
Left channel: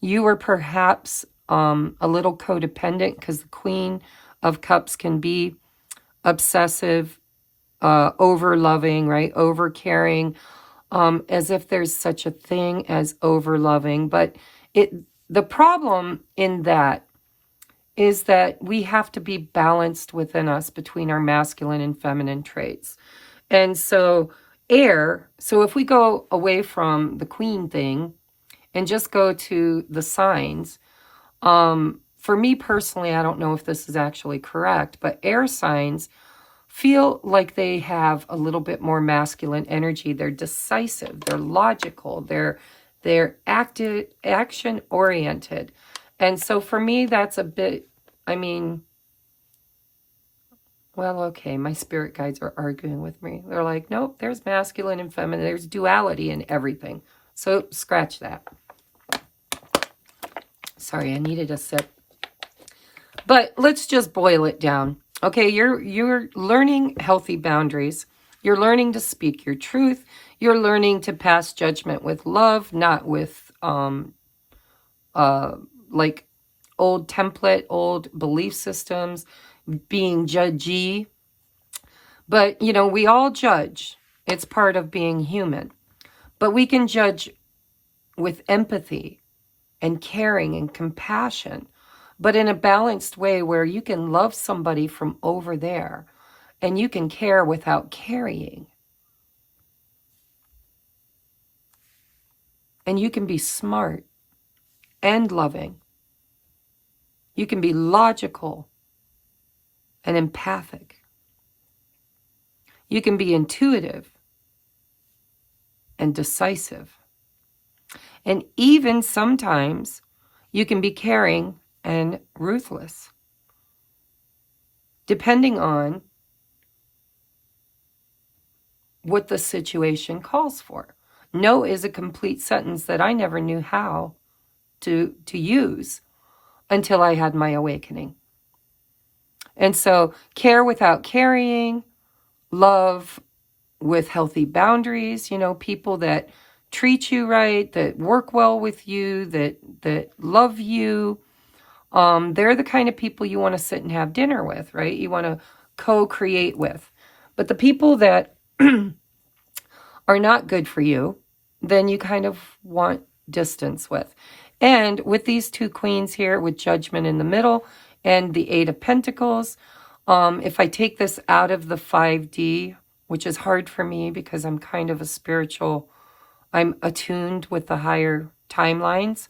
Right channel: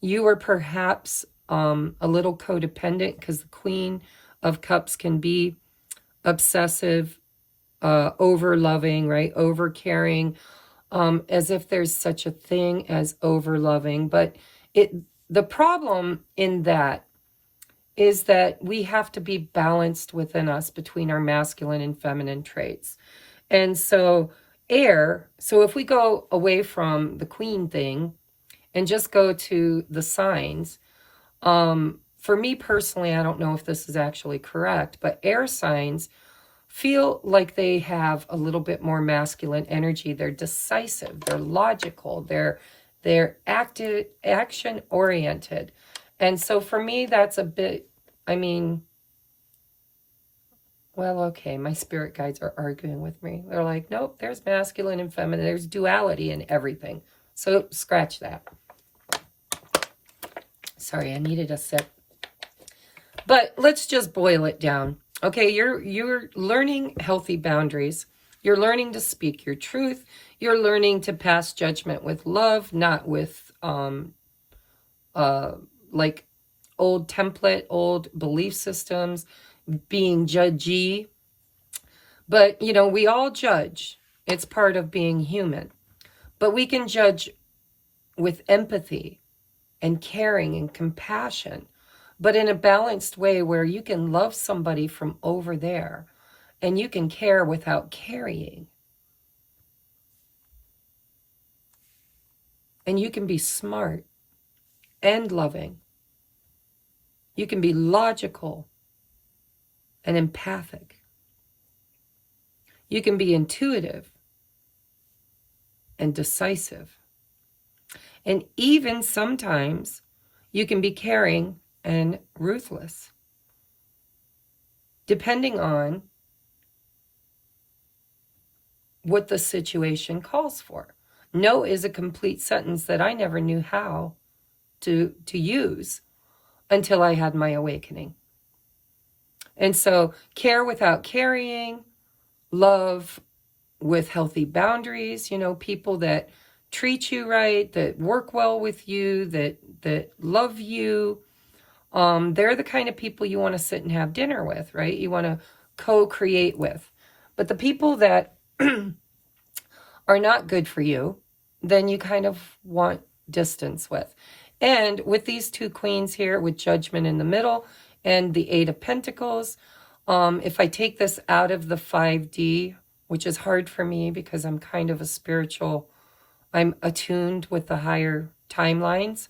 you were perhaps a little codependent, because the Queen of Cups can be obsessive, over-loving, right? Over-caring, as if there's such a thing as over-loving. But the problem in that is that we have to be balanced within us between our masculine and feminine traits. And so air, so if we go away from the queen thing and just go to the signs, for me personally, I don't know if this is actually correct, but air signs feel like they have a little bit more masculine energy. They're decisive, they're logical, they're active, action oriented. And so for me, that's a bit, I mean, well, okay, my spirit guides are arguing with me. They're like, nope, there's masculine and feminine. There's duality in everything. So scratch that. Sorry, I needed a sip. But let's just boil it down. Okay, you're learning healthy boundaries. You're learning to speak your truth. You're learning to pass judgment with love, not with like old template, old belief systems, being judgy. But, you know, we all judge. It's part of being human. But we can judge with empathy and caring and compassion, but in a balanced way where you can love somebody from over there and you can care without carrying. And you can be smart and loving. You can be logical and empathic. You can be intuitive and decisive. And even sometimes you can be caring and ruthless, depending on what the situation calls for. No is a complete sentence that I never knew how to use until I had my awakening. And so care without carrying, love with healthy boundaries, you know, people that treat you right, that work well with you, that love you. They're the kind of people you want to sit and have dinner with, right? You want to co-create with. But the people that are not good for you, then you kind of want distance with. And with these two queens here, with Judgment in the middle and the Eight of Pentacles, if I take this out of the 5D, which is hard for me because I'm kind of a spiritual, I'm attuned with the higher timelines.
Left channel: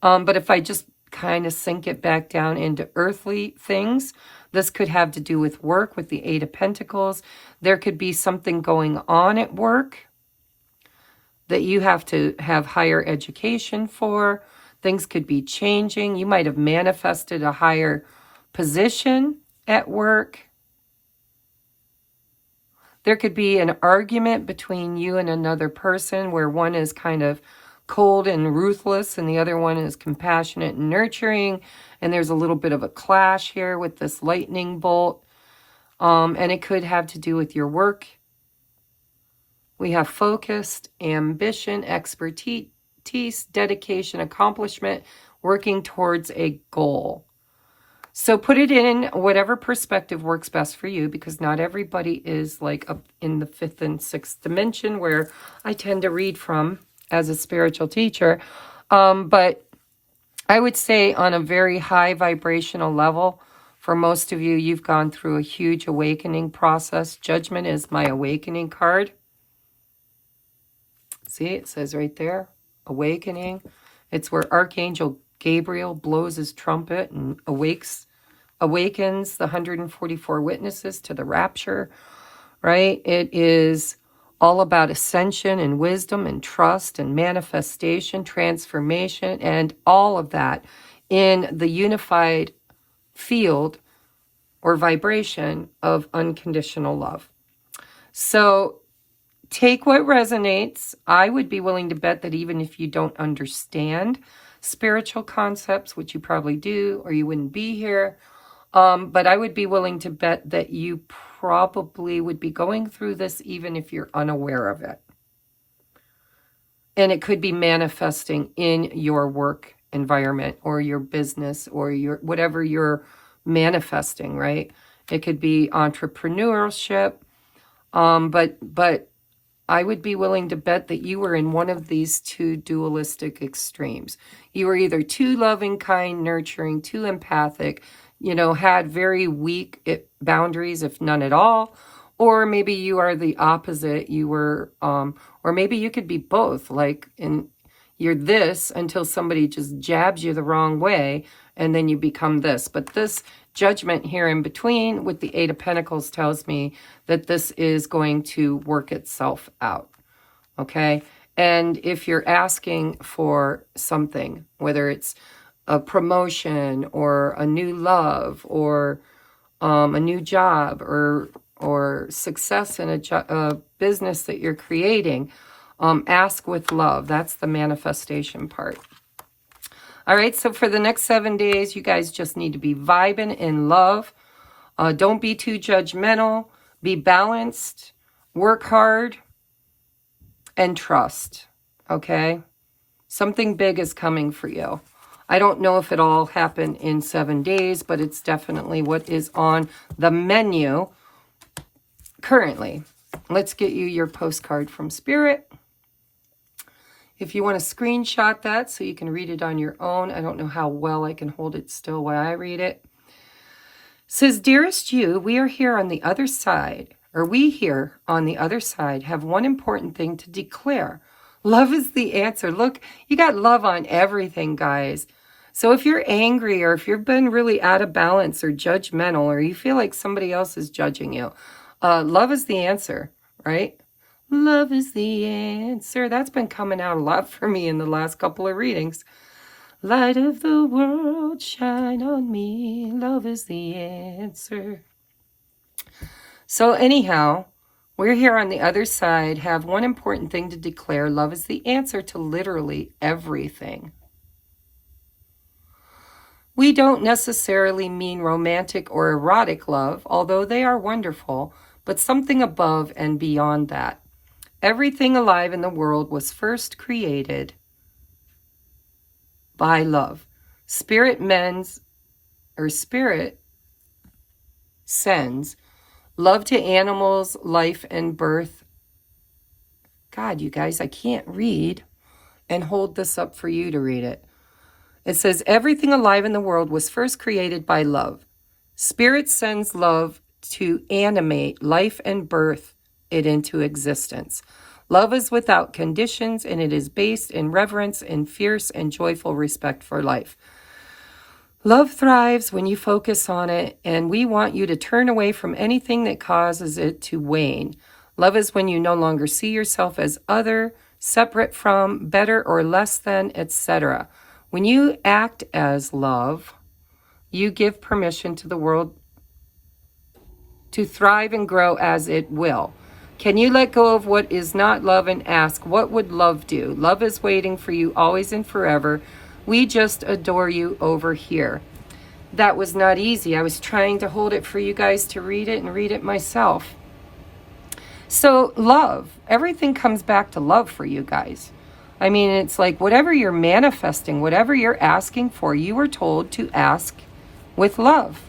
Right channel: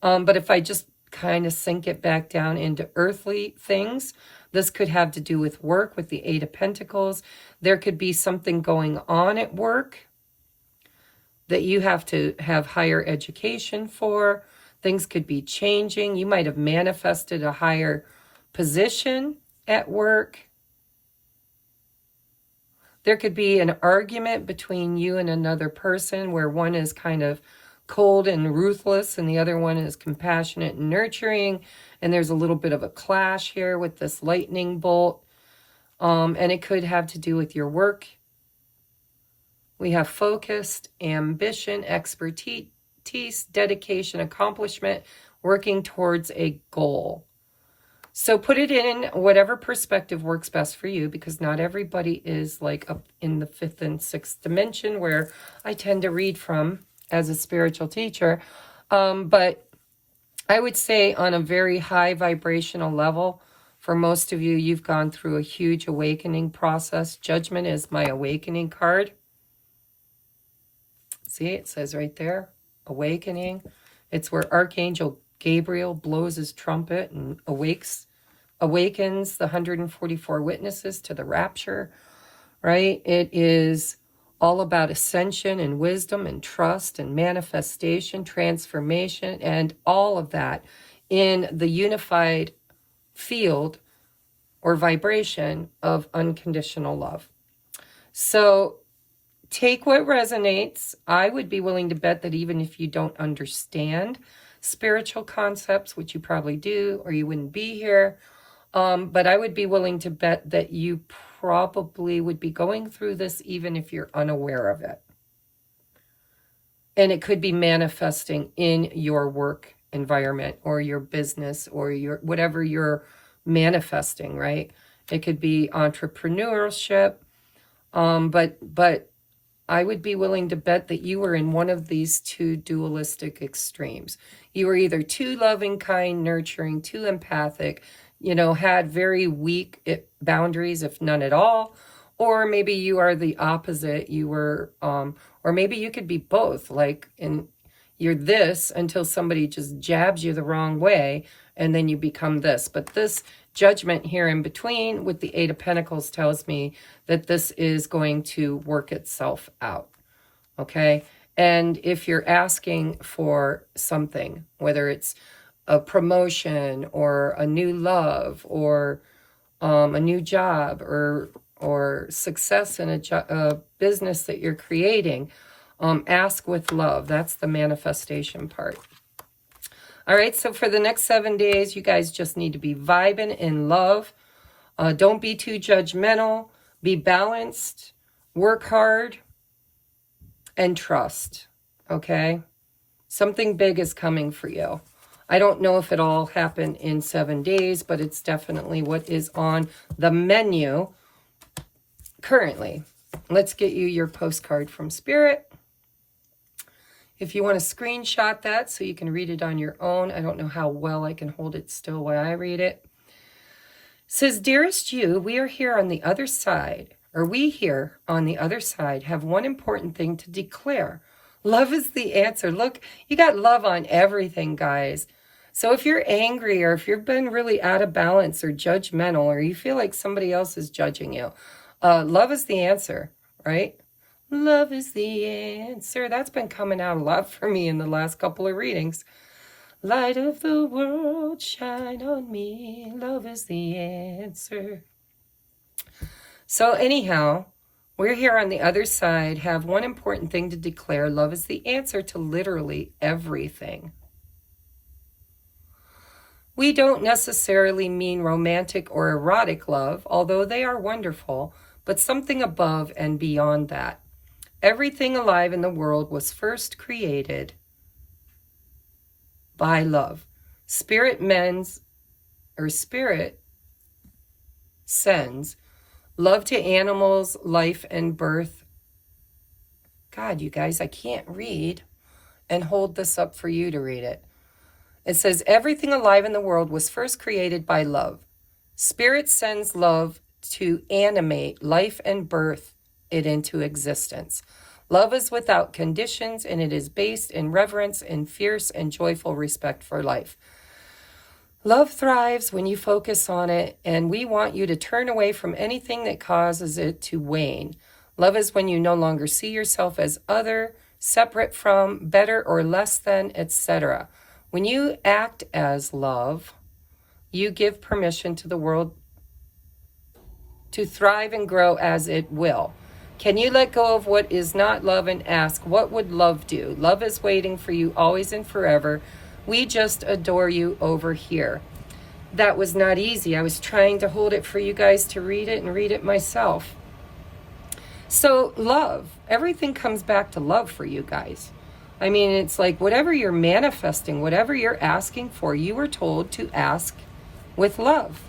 But if I just kind of sink it back down into earthly things, this could have to do with work, with the Eight of Pentacles. There could be something going on at work that you have to have higher education for. Things could be changing. You might have manifested a higher position at work. There could be an argument between you and another person where one is kind of cold and ruthless and the other one is compassionate and nurturing. And there's a little bit of a clash here with this lightning bolt. And it could have to do with your work. We have focused, ambition, expertise, dedication, accomplishment, working towards a goal. So put it in whatever perspective works best for you, because not everybody is like up in the 5th and 6th dimension where I tend to read from as a spiritual teacher. But I would say on a very high vibrational level, for most of you, you've gone through a huge awakening process. Judgment is my awakening card. See, it says right there, awakening. It's where Archangel Gabriel blows his trumpet and awakens the 144 witnesses to the rapture, right? It is all about ascension and wisdom and trust and manifestation, transformation, and all of that in the unified field or vibration of unconditional love. So take what resonates. I would be willing to bet that even if you don't understand spiritual concepts, which you probably do, or you wouldn't be here, but I would be willing to bet that you probably would be going through this even if you're unaware of it. And it could be manifesting in your work environment or your business or your whatever you're manifesting, right? It could be entrepreneurship, but I would be willing to bet that you were in one of these two dualistic extremes. You were either too loving, kind, nurturing, too empathic, had very weak boundaries, if none at all, or maybe you are the opposite. You were, or maybe you could be both, you're this until somebody just jabs you the wrong way, and then you become this. But this judgment here in between with the Eight of Pentacles tells me that this is going to work itself out, okay? And if you're asking for something, whether it's a promotion or a new love or a new job or success in a business that you're creating, ask with love. That's the manifestation part. All right, so for the next 7 days, you guys just need to be vibing in love. Don't be too judgmental. Be balanced. Work hard. And trust, okay? Something big is coming for you. I don't know if it all happened in 7 days, but it's definitely what is on the menu currently. Let's get you your postcard from Spirit. If you want to screenshot that so you can read it on your own. I don't know how well I can hold it still while I read it. It says, dearest you, we are here on the other side, or we here on the other side have one important thing to declare. Love is the answer. Look, you got love on everything, guys. So if you're angry or if you've been really out of balance or judgmental or you feel like somebody else is judging you, love is the answer, right? Love is the answer. That's been coming out a lot for me in the last couple of readings. Light of the world, shine on me. Love is the answer. So anyhow, we're here on the other side, have one important thing to declare. Love is the answer to literally everything. We don't necessarily mean romantic or erotic love, although they are wonderful, but something above and beyond that. Everything alive in the world was first created by love. Spirit sends love to animals, life, and birth. God, you guys, I can't read and hold this up for you to read it. It says, everything alive in the world was first created by love. Spirit sends love to animate life and birth it into existence. Love is without conditions, and it is based in reverence and fierce and joyful respect for life. Love thrives when you focus on it, and we want you to turn away from anything that causes it to wane. Love is when you no longer see yourself as other, separate from, better or less than, etc. When you act as love, you give permission to the world to thrive and grow as it will. Can you let go of what is not love and ask, what would love do? Love is waiting for you always and forever. We just adore you over here. That was not easy. I was trying to hold it for you guys to read it and read it myself. So love, everything comes back to love for you guys. I mean, it's like whatever you're manifesting, whatever you're asking for, you were told to ask with love.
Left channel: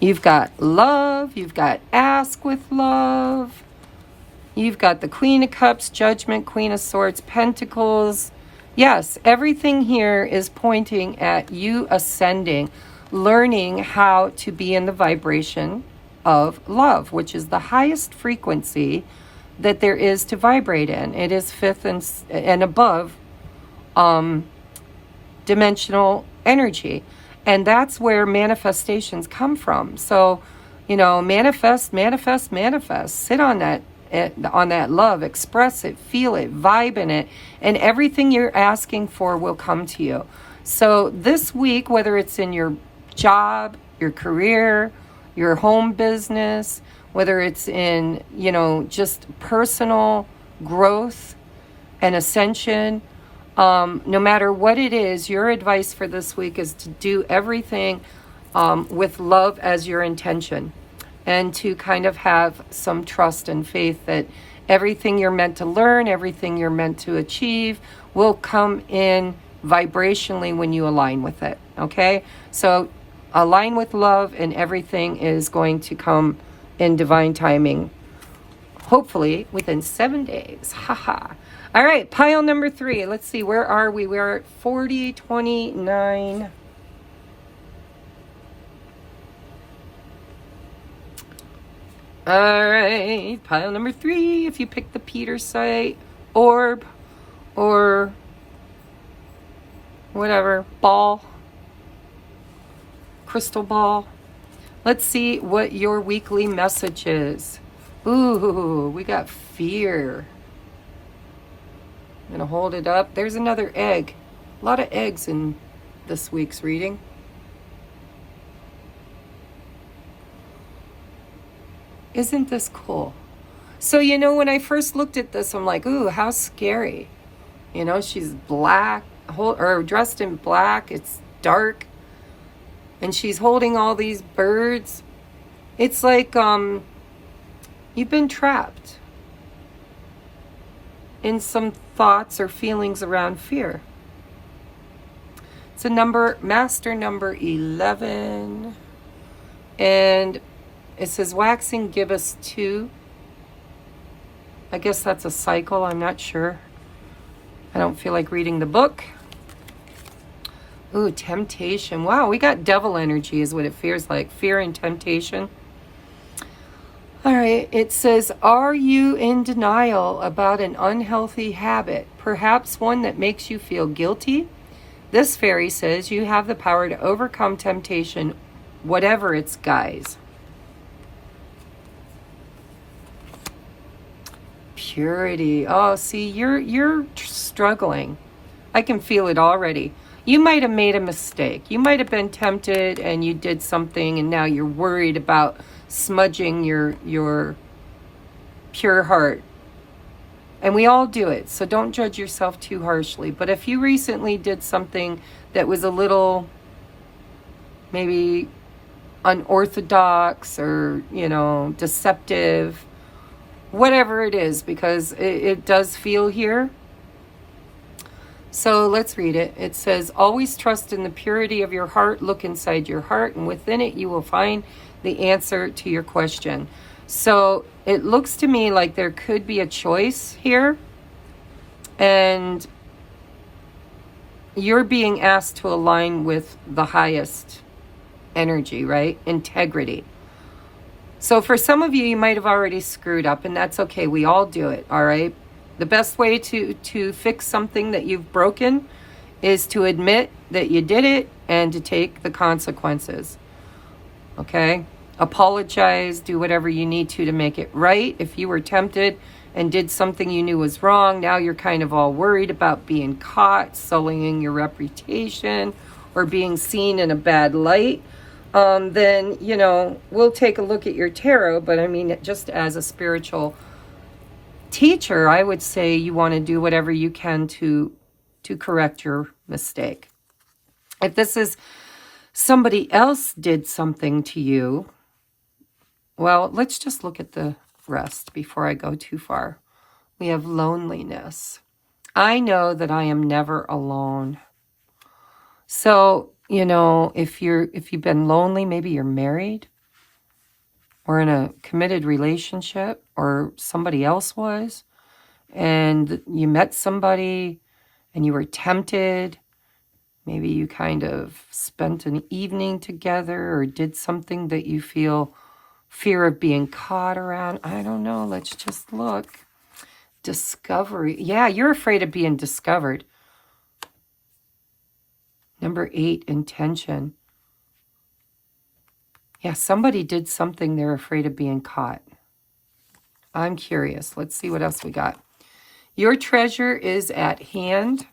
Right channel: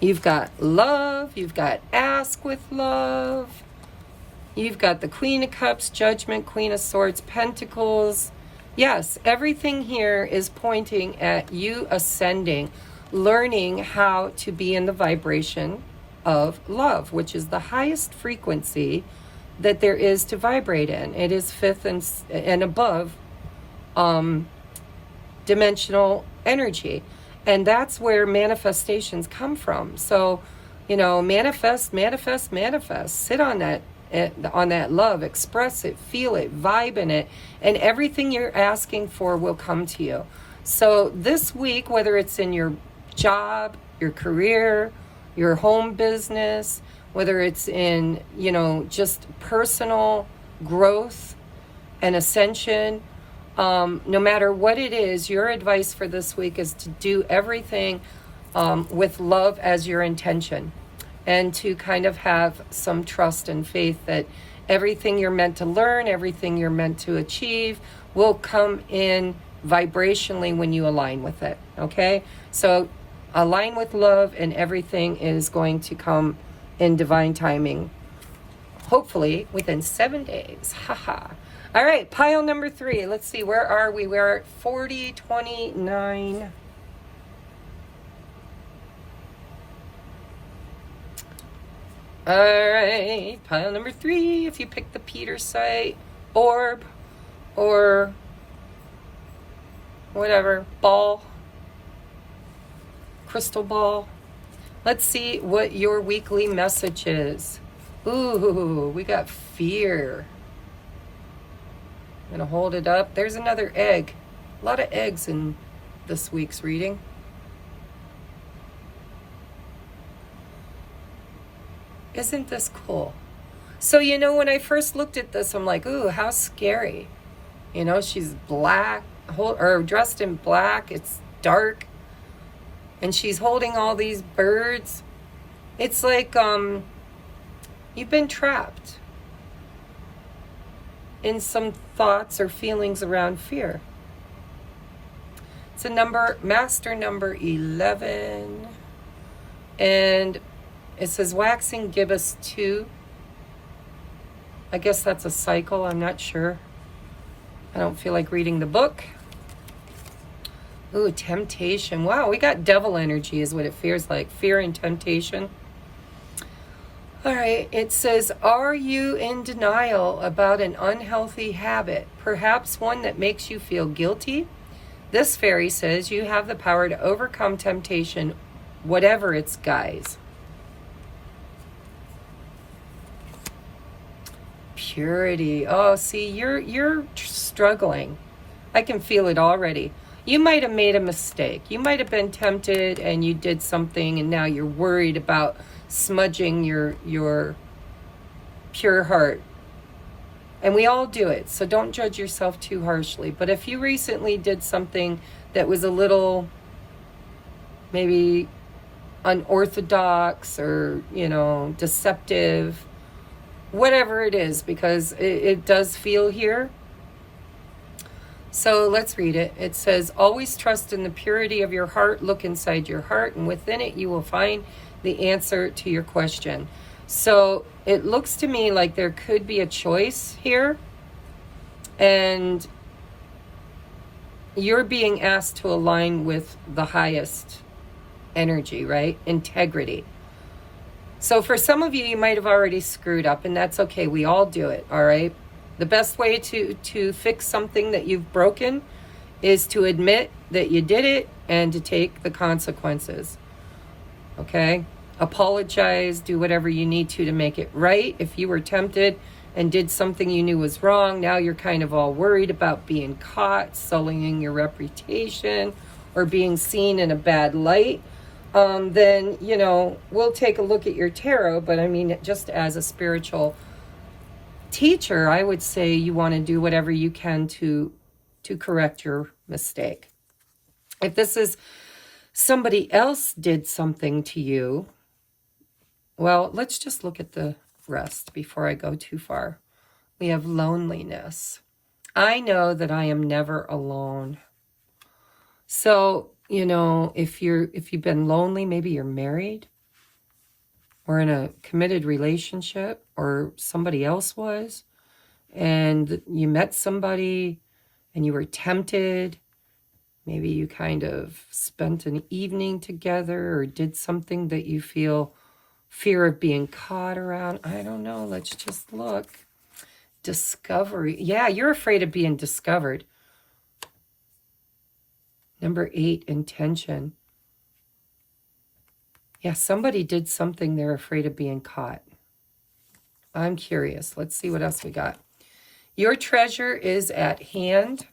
You've got love, you've got ask with love. You've got the Queen of Cups, Judgment, Queen of Swords, Pentacles. Yes, everything here is pointing at you ascending, learning how to be in the vibration of love, which is the highest frequency that there is to vibrate in. It is fifth and above dimensional energy. And that's where manifestations come from. So, manifest. Sit on that love, express it, feel it, vibe in it, and everything you're asking for will come to you. So this week, whether it's in your job, your career, your home business, whether it's in, you know, just personal growth and ascension. No matter what it is, your advice for this week is to do everything with love as your intention, and to kind of have some trust and faith that everything you're meant to learn, everything you're meant to achieve will come in vibrationally when you align with it, okay? So align with love and everything is going to come in divine timing, hopefully within 7 days. Haha. All right, pile number 3. Let's see, where are we? We're at 4029. All right, pile number 3. If you pick the Peter site, orb, or whatever, ball, crystal ball. Let's see what your weekly message is. Ooh, we got fear. I'm gonna hold it up. There's another egg. A lot of eggs in this week's reading. Isn't this cool? So, you know, when I first looked at this, I'm like, ooh, how scary. You know, she's black, or dressed in black. It's dark. And she's holding all these birds. It's like you've been trapped in some thoughts or feelings around fear. It's a number, master number 11. And it says waxing gibbous 2. I guess that's a cycle. I'm not sure. I don't feel like reading the book. Ooh, temptation. Wow, we got devil energy is what it feels like. Fear and temptation. All right, it says, are you in denial about an unhealthy habit? Perhaps one that makes you feel guilty? This fairy says you have the power to overcome temptation, whatever its guise. Purity. Oh, see, you're struggling. I can feel it already. You might have made a mistake. You might have been tempted and you did something and now you're worried about smudging your pure heart. And we all do it, so don't judge yourself too harshly. But if you recently did something that was a little maybe unorthodox or, you know, deceptive, whatever it is, because it does feel here. So let's read it. It says, always trust in the purity of your heart. Look inside your heart, and within it you will find the answer to your question. So it looks to me like there could be a choice here, and you're being asked to align with the highest energy, right? Integrity. So for some of you, you might have already screwed up, and that's okay. We all do it, all right? The best way to fix something that you've broken is to admit that you did it and to take the consequences, okay? Apologize, do whatever you need to make it right. If you were tempted and did something you knew was wrong, now you're kind of all worried about being caught, sullying your reputation, or being seen in a bad light, then, you know, we'll take a look at your tarot. But I mean, just as a spiritual teacher, I would say you want to do whatever you can to correct your mistake. If this is somebody else did something to you, well, let's just look at the rest before I go too far. We have loneliness. I know that I am never alone. So, you know, if you've been lonely, maybe you're married or in a committed relationship, or somebody else was, and you met somebody and you were tempted. Maybe you kind of spent an evening together or did something that you feel fear of being caught around. I don't know. Let's just look. Discovery. Yeah, you're afraid of being discovered. Number 8, intention. Yeah, somebody did something they're afraid of being caught. I'm curious. Let's see what else we got. Your treasure is at hand.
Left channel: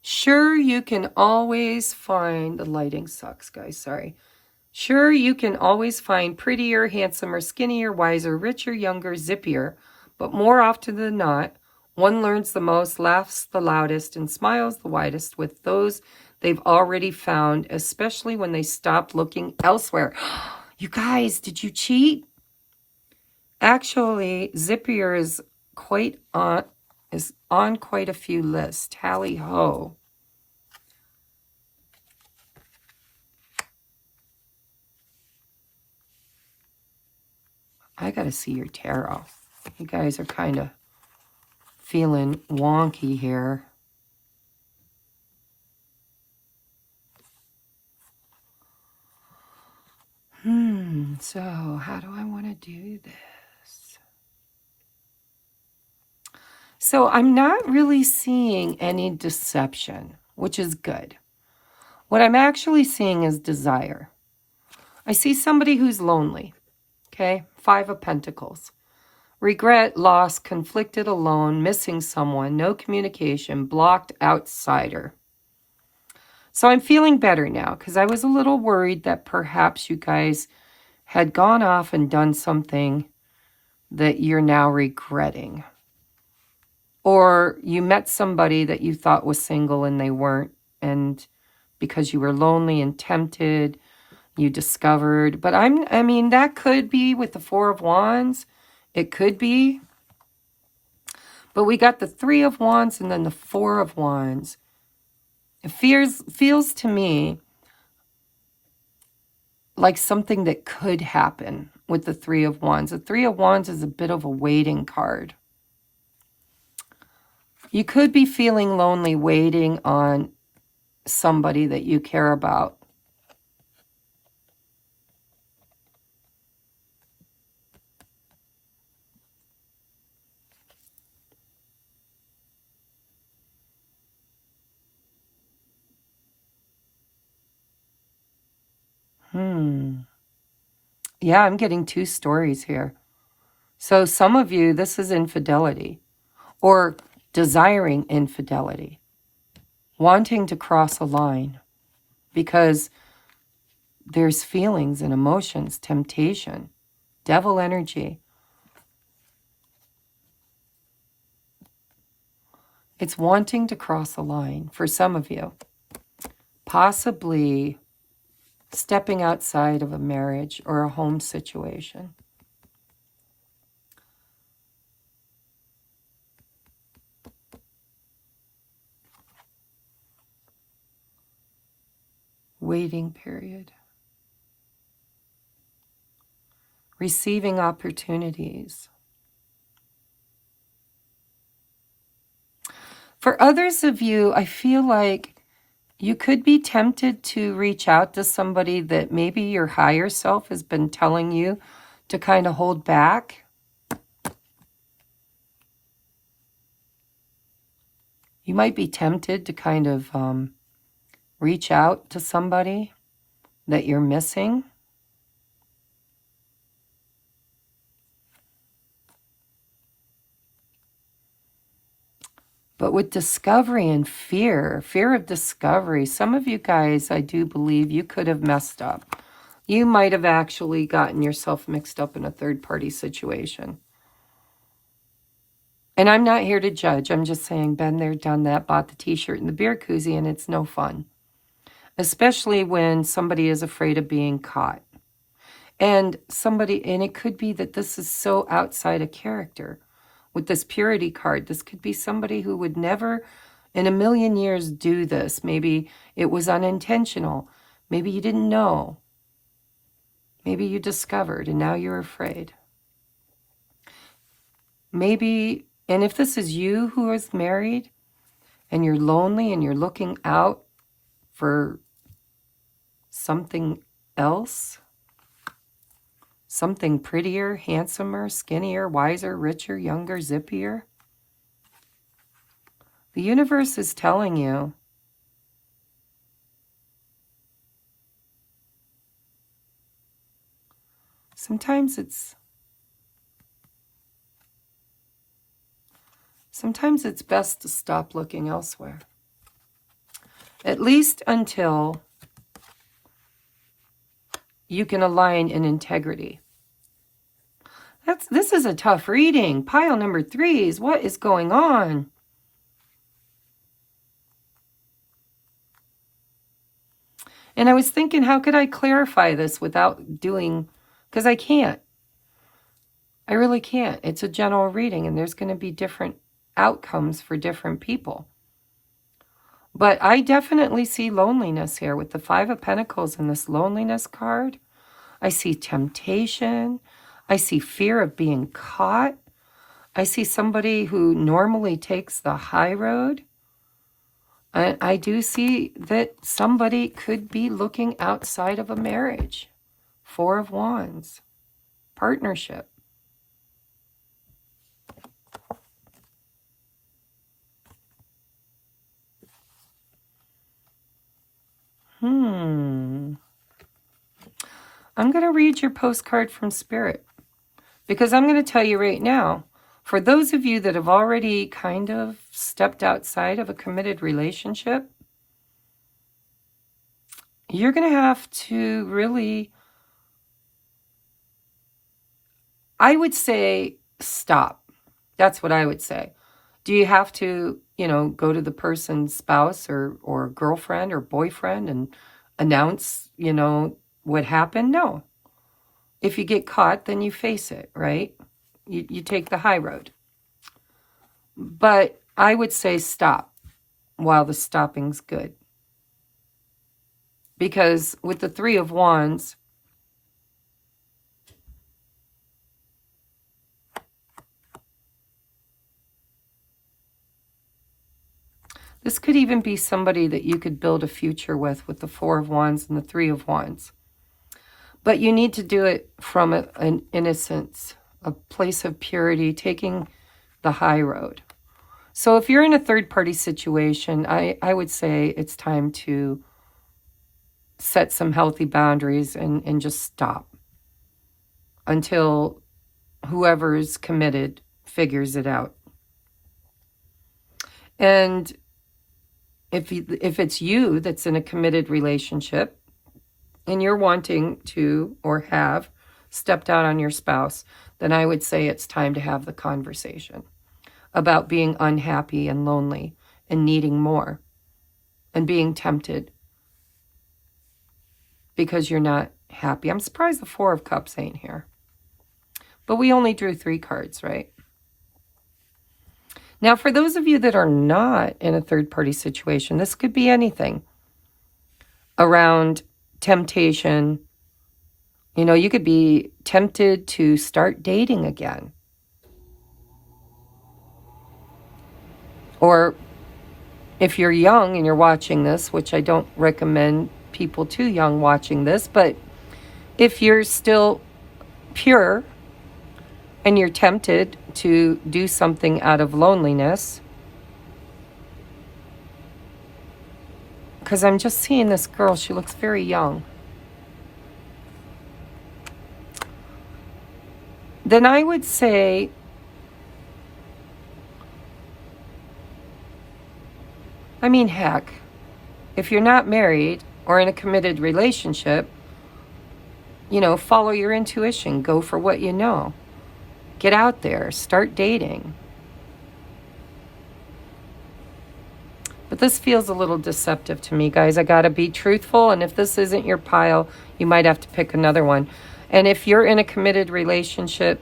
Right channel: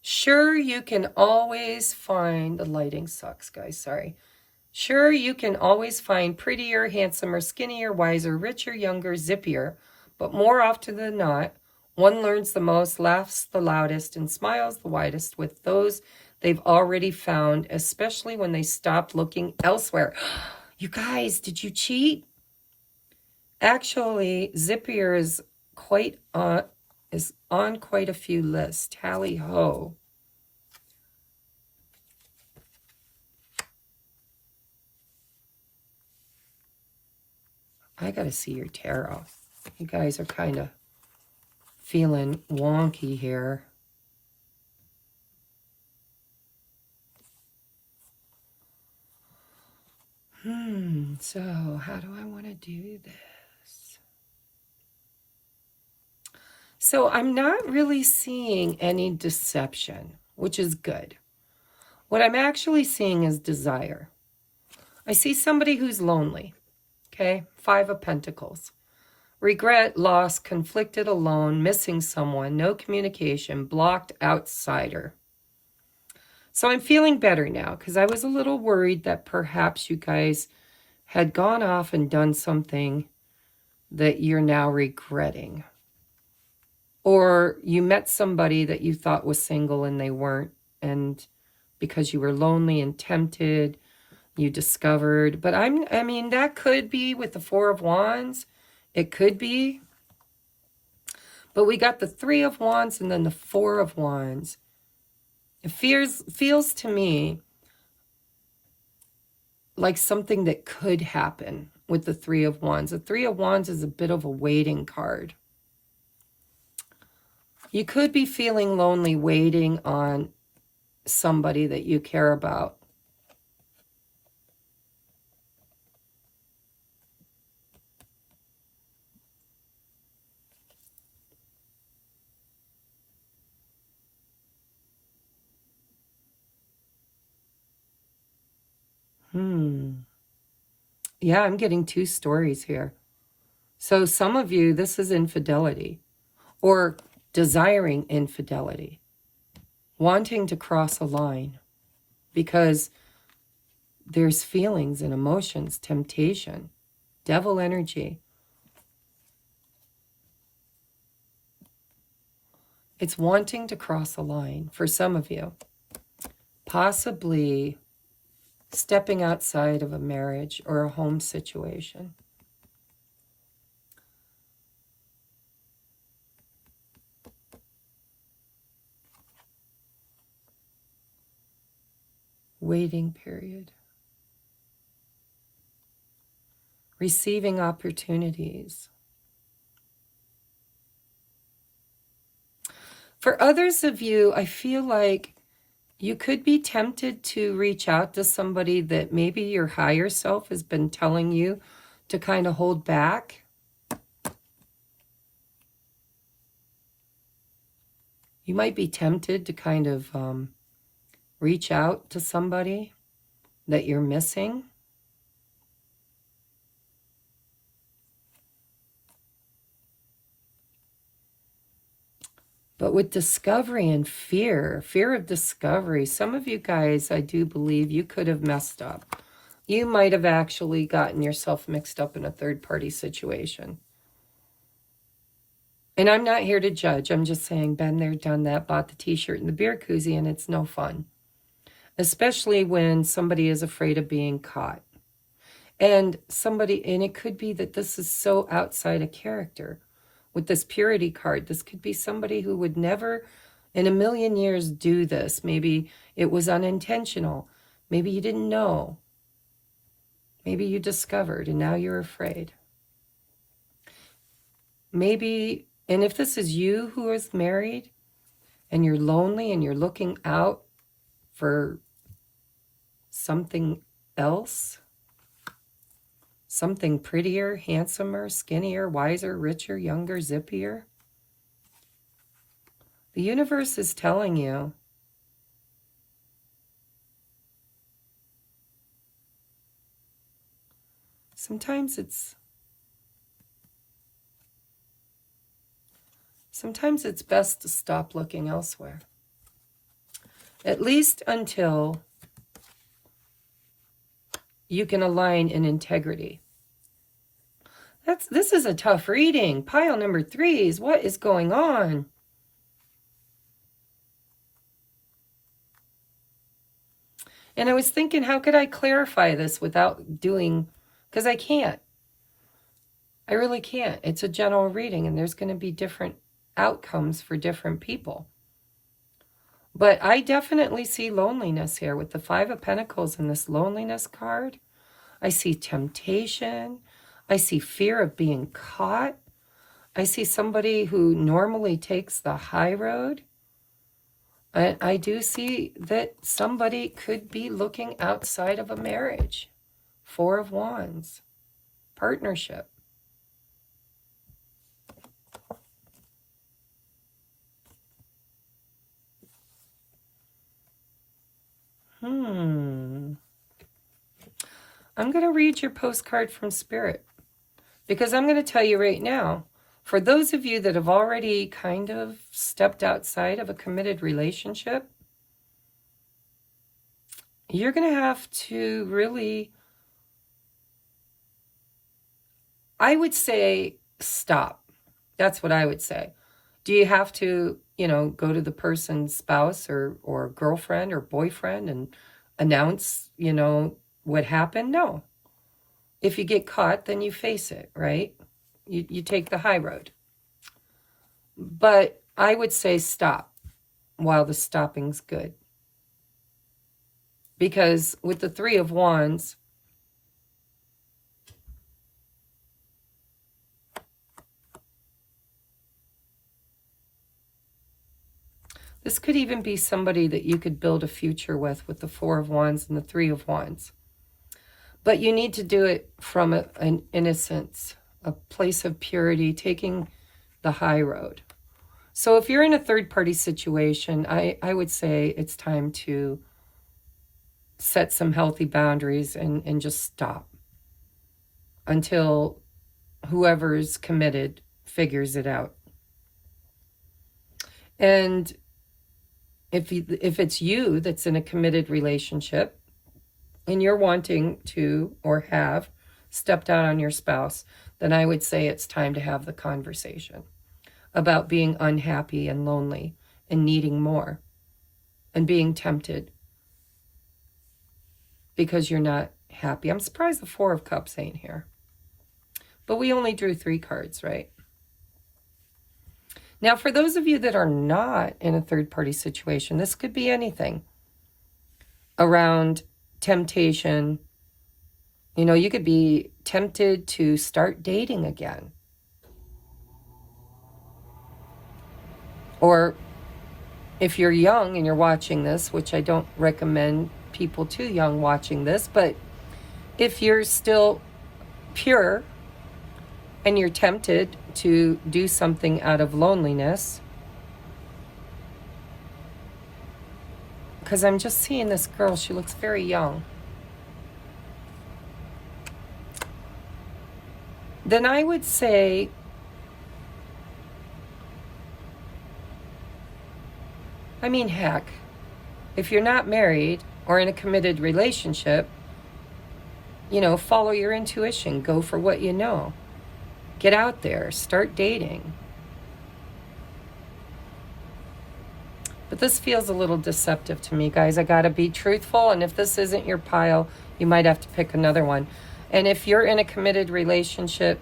Sure, you can always find... The lighting sucks, guys. Sorry. Sure, you can always find prettier, handsomer, skinnier, wiser, richer, younger, zippier, but more often than not, one learns the most, laughs the loudest, and smiles the widest with those they've already found, especially when they stop looking elsewhere. You guys, did you cheat? Actually, zippier is on quite a few lists. Tally ho. I gotta see your tarot. You guys are kind of feeling wonky here. So how do I want to do this? So I'm not really seeing any deception, which is good. What I'm actually seeing is desire. I see somebody who's lonely, okay? 5 of Pentacles. Regret, loss, conflicted, alone, missing someone, no communication, blocked, outsider. So I'm feeling better now because I was a little worried that perhaps you guys had gone off and done something that you're now regretting. Or you met somebody that you thought was single and they weren't, and because you were lonely and tempted, you discovered. But I mean, that could be with the 4 of Wands. It could be. But we got the 3 of Wands and then the 4 of Wands. It feels to me like something that could happen with the 3 of Wands. The 3 of Wands is a bit of a waiting card. You could be feeling lonely waiting on somebody that you care about. Yeah, I'm getting 2 stories here. So some of you, this is infidelity or desiring infidelity, wanting to cross a line because there's feelings and emotions, temptation, devil energy. It's wanting to cross a line for some of you, possibly stepping outside of a marriage or a home situation. Waiting period. Receiving opportunities. For others of you, I feel like you could be tempted to reach out to somebody that maybe your higher self has been telling you to kind of hold back. You might be tempted to kind of reach out to somebody that you're missing. But with discovery and fear of discovery, some of you guys, I do believe you could have messed up. You might have actually gotten yourself mixed up in a third-party situation. And I'm not here to judge. I'm just saying, been there, done that, bought the t-shirt and the beer koozie, and it's no fun. Especially when somebody is afraid of being caught. And it could be that this is so outside of character. With this purity card, this could be somebody who would never in a million years do this. Maybe it was unintentional. Maybe you didn't know. Maybe you discovered and now you're afraid. Maybe, and if this is you who is married and you're lonely and you're looking out for something else, something prettier, handsomer, skinnier, wiser, richer, younger, zippier. The universe is telling you sometimes it's best to stop looking elsewhere. At least until you can align in integrity. This is a tough reading. Pile number 3s. What is going on? And I was thinking, how could I clarify this without doing, because I can't. I really can't. It's a general reading, and there's going to be different outcomes for different people. But I definitely see loneliness here with the 5 of Pentacles and this loneliness card. I see temptation. I see fear of being caught. I see somebody who normally takes the high road. And I do see that somebody could be looking outside of a marriage. 4 of Wands. Partnership. I'm going to read your postcard from Spirit. Because I'm going to tell you right now, for those of you that have already kind of stepped outside of a committed relationship, you're going to have to really, I would say, stop. That's what I would say. Do you have to, go to the person's spouse or girlfriend or boyfriend and announce, what happened? No. If you get caught, then you face it, right? You take the high road. But I would say stop while the stopping's good. Because with the 3 of Wands, this could even be somebody that you could build a future with the 4 of Wands and the 3 of Wands. But you need to do it from an innocence, a place of purity, taking the high road. So if you're in a third-party situation, I would say it's time to set some healthy boundaries and just stop until whoever's committed figures it out. And if it's you that's in a committed relationship, and you're wanting to or have stepped out on your spouse, then I would say it's time to have the conversation about being unhappy and lonely and needing more and being tempted because you're not happy. I'm surprised the 4 of Cups ain't here. But we only drew 3 cards, right? Now, for those of you that are not in a third-party situation, this could be anything around temptation. You could be tempted to start dating again. Or if you're young and you're watching this, which I don't recommend people too young watching this, but if you're still pure and you're tempted to do something out of loneliness, because I'm just seeing this girl, she looks very young, then I would say heck, if you're not married or in a committed relationship, follow your intuition, go for what you know. Get out there, start dating. But this feels a little deceptive to me, guys. I got to be truthful, and if this isn't your pile, you might have to pick another one. And if you're in a committed relationship,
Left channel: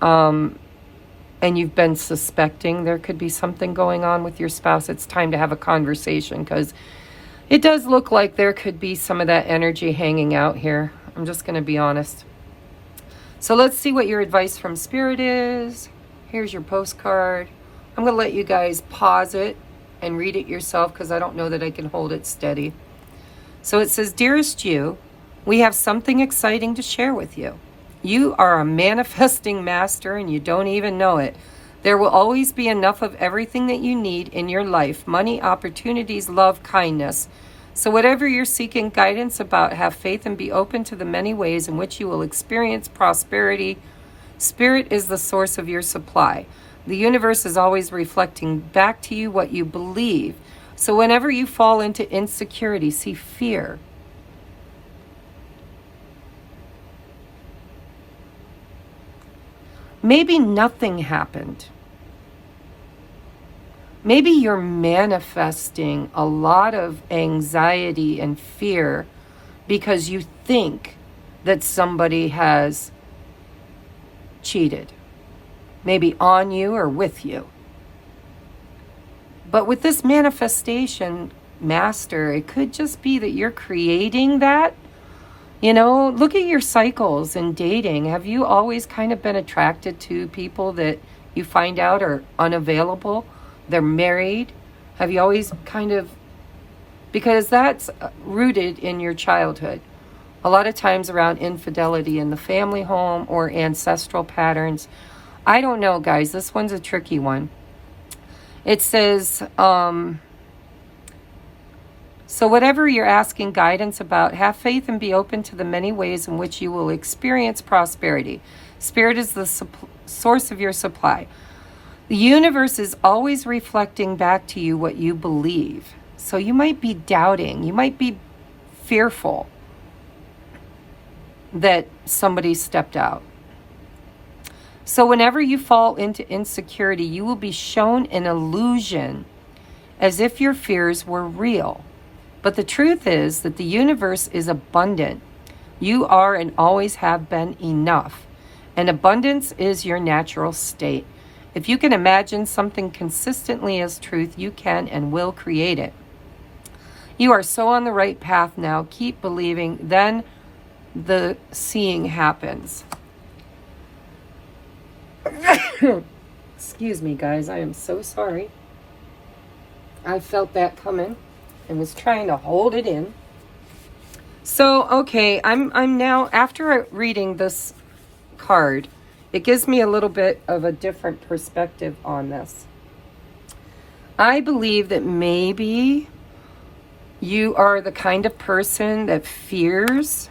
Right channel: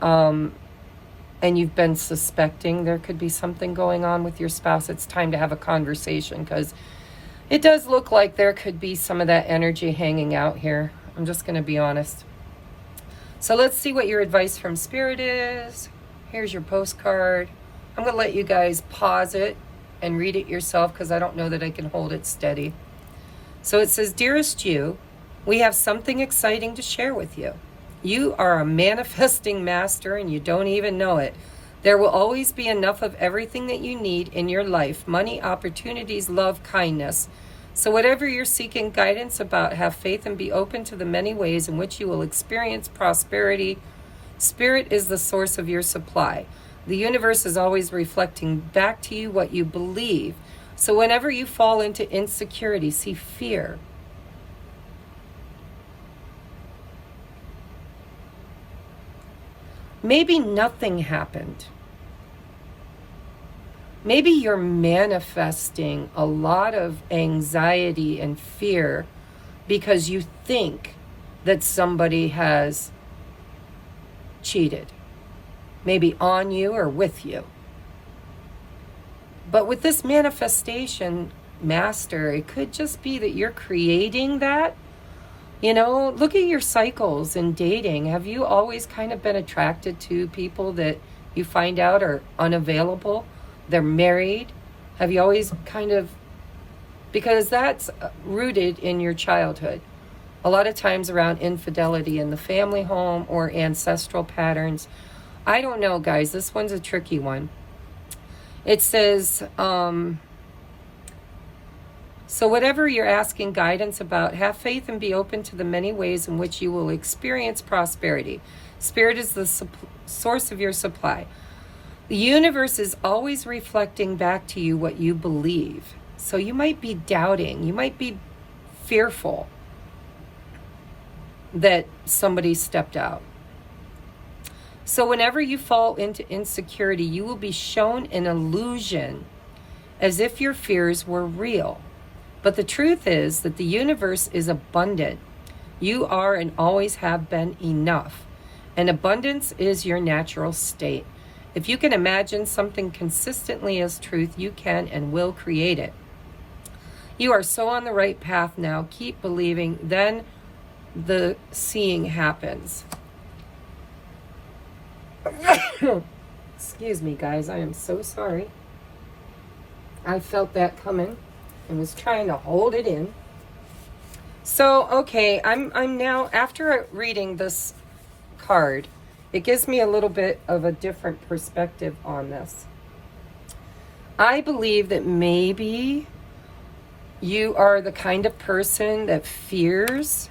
and you've been suspecting there could be something going on with your spouse, it's time to have a conversation, because it does look like there could be some of that energy hanging out here. I'm just going to be honest. So let's see what your advice from Spirit is. Here's your postcard. I'm going to let you guys pause it and read it yourself because I don't know that I can hold it steady. So it says, "Dearest you, we have something exciting to share with you. You are a manifesting master and you don't even know it. There will always be enough of everything that you need in your life: money, opportunities, love, kindness. So whatever you're seeking guidance about, have faith and be open to the many ways in which you will experience prosperity. Spirit is the source of your supply. The universe is always reflecting back to you what you believe. So whenever you fall into insecurity, see fear, Maybe nothing happened. Maybe you're manifesting a lot of anxiety and fear because you think that somebody has cheated, maybe on you or with you. But with this manifestation master, it could just be that you're creating that. You know, look at your cycles in dating. Have you always kind of been attracted to people that you find out are unavailable? They're married? Have you always kind of, because that's rooted in your childhood. A lot of times around infidelity in the family home or ancestral patterns. I don't know, guys. This one's a tricky one. It says, so whatever you're asking guidance about, have faith and be open to the many ways in which you will experience prosperity. Spirit is the source of your supply. The universe is always reflecting back to you what you believe. So you might be doubting. You might be fearful that somebody stepped out. So whenever you fall into insecurity, you will be shown an illusion as if your fears were real. But the truth is that the universe is abundant. You are and always have been enough. And abundance is your natural state. If you can imagine something consistently as truth, you can and will create it. You are so on the right path now. Keep believing. Then the seeing happens. Excuse me, guys. I am so sorry. I felt that coming and was trying to hold it in. So, okay, I'm now, after reading this card, it gives me a little bit of a different perspective on this. I believe that maybe you are the kind of person that fears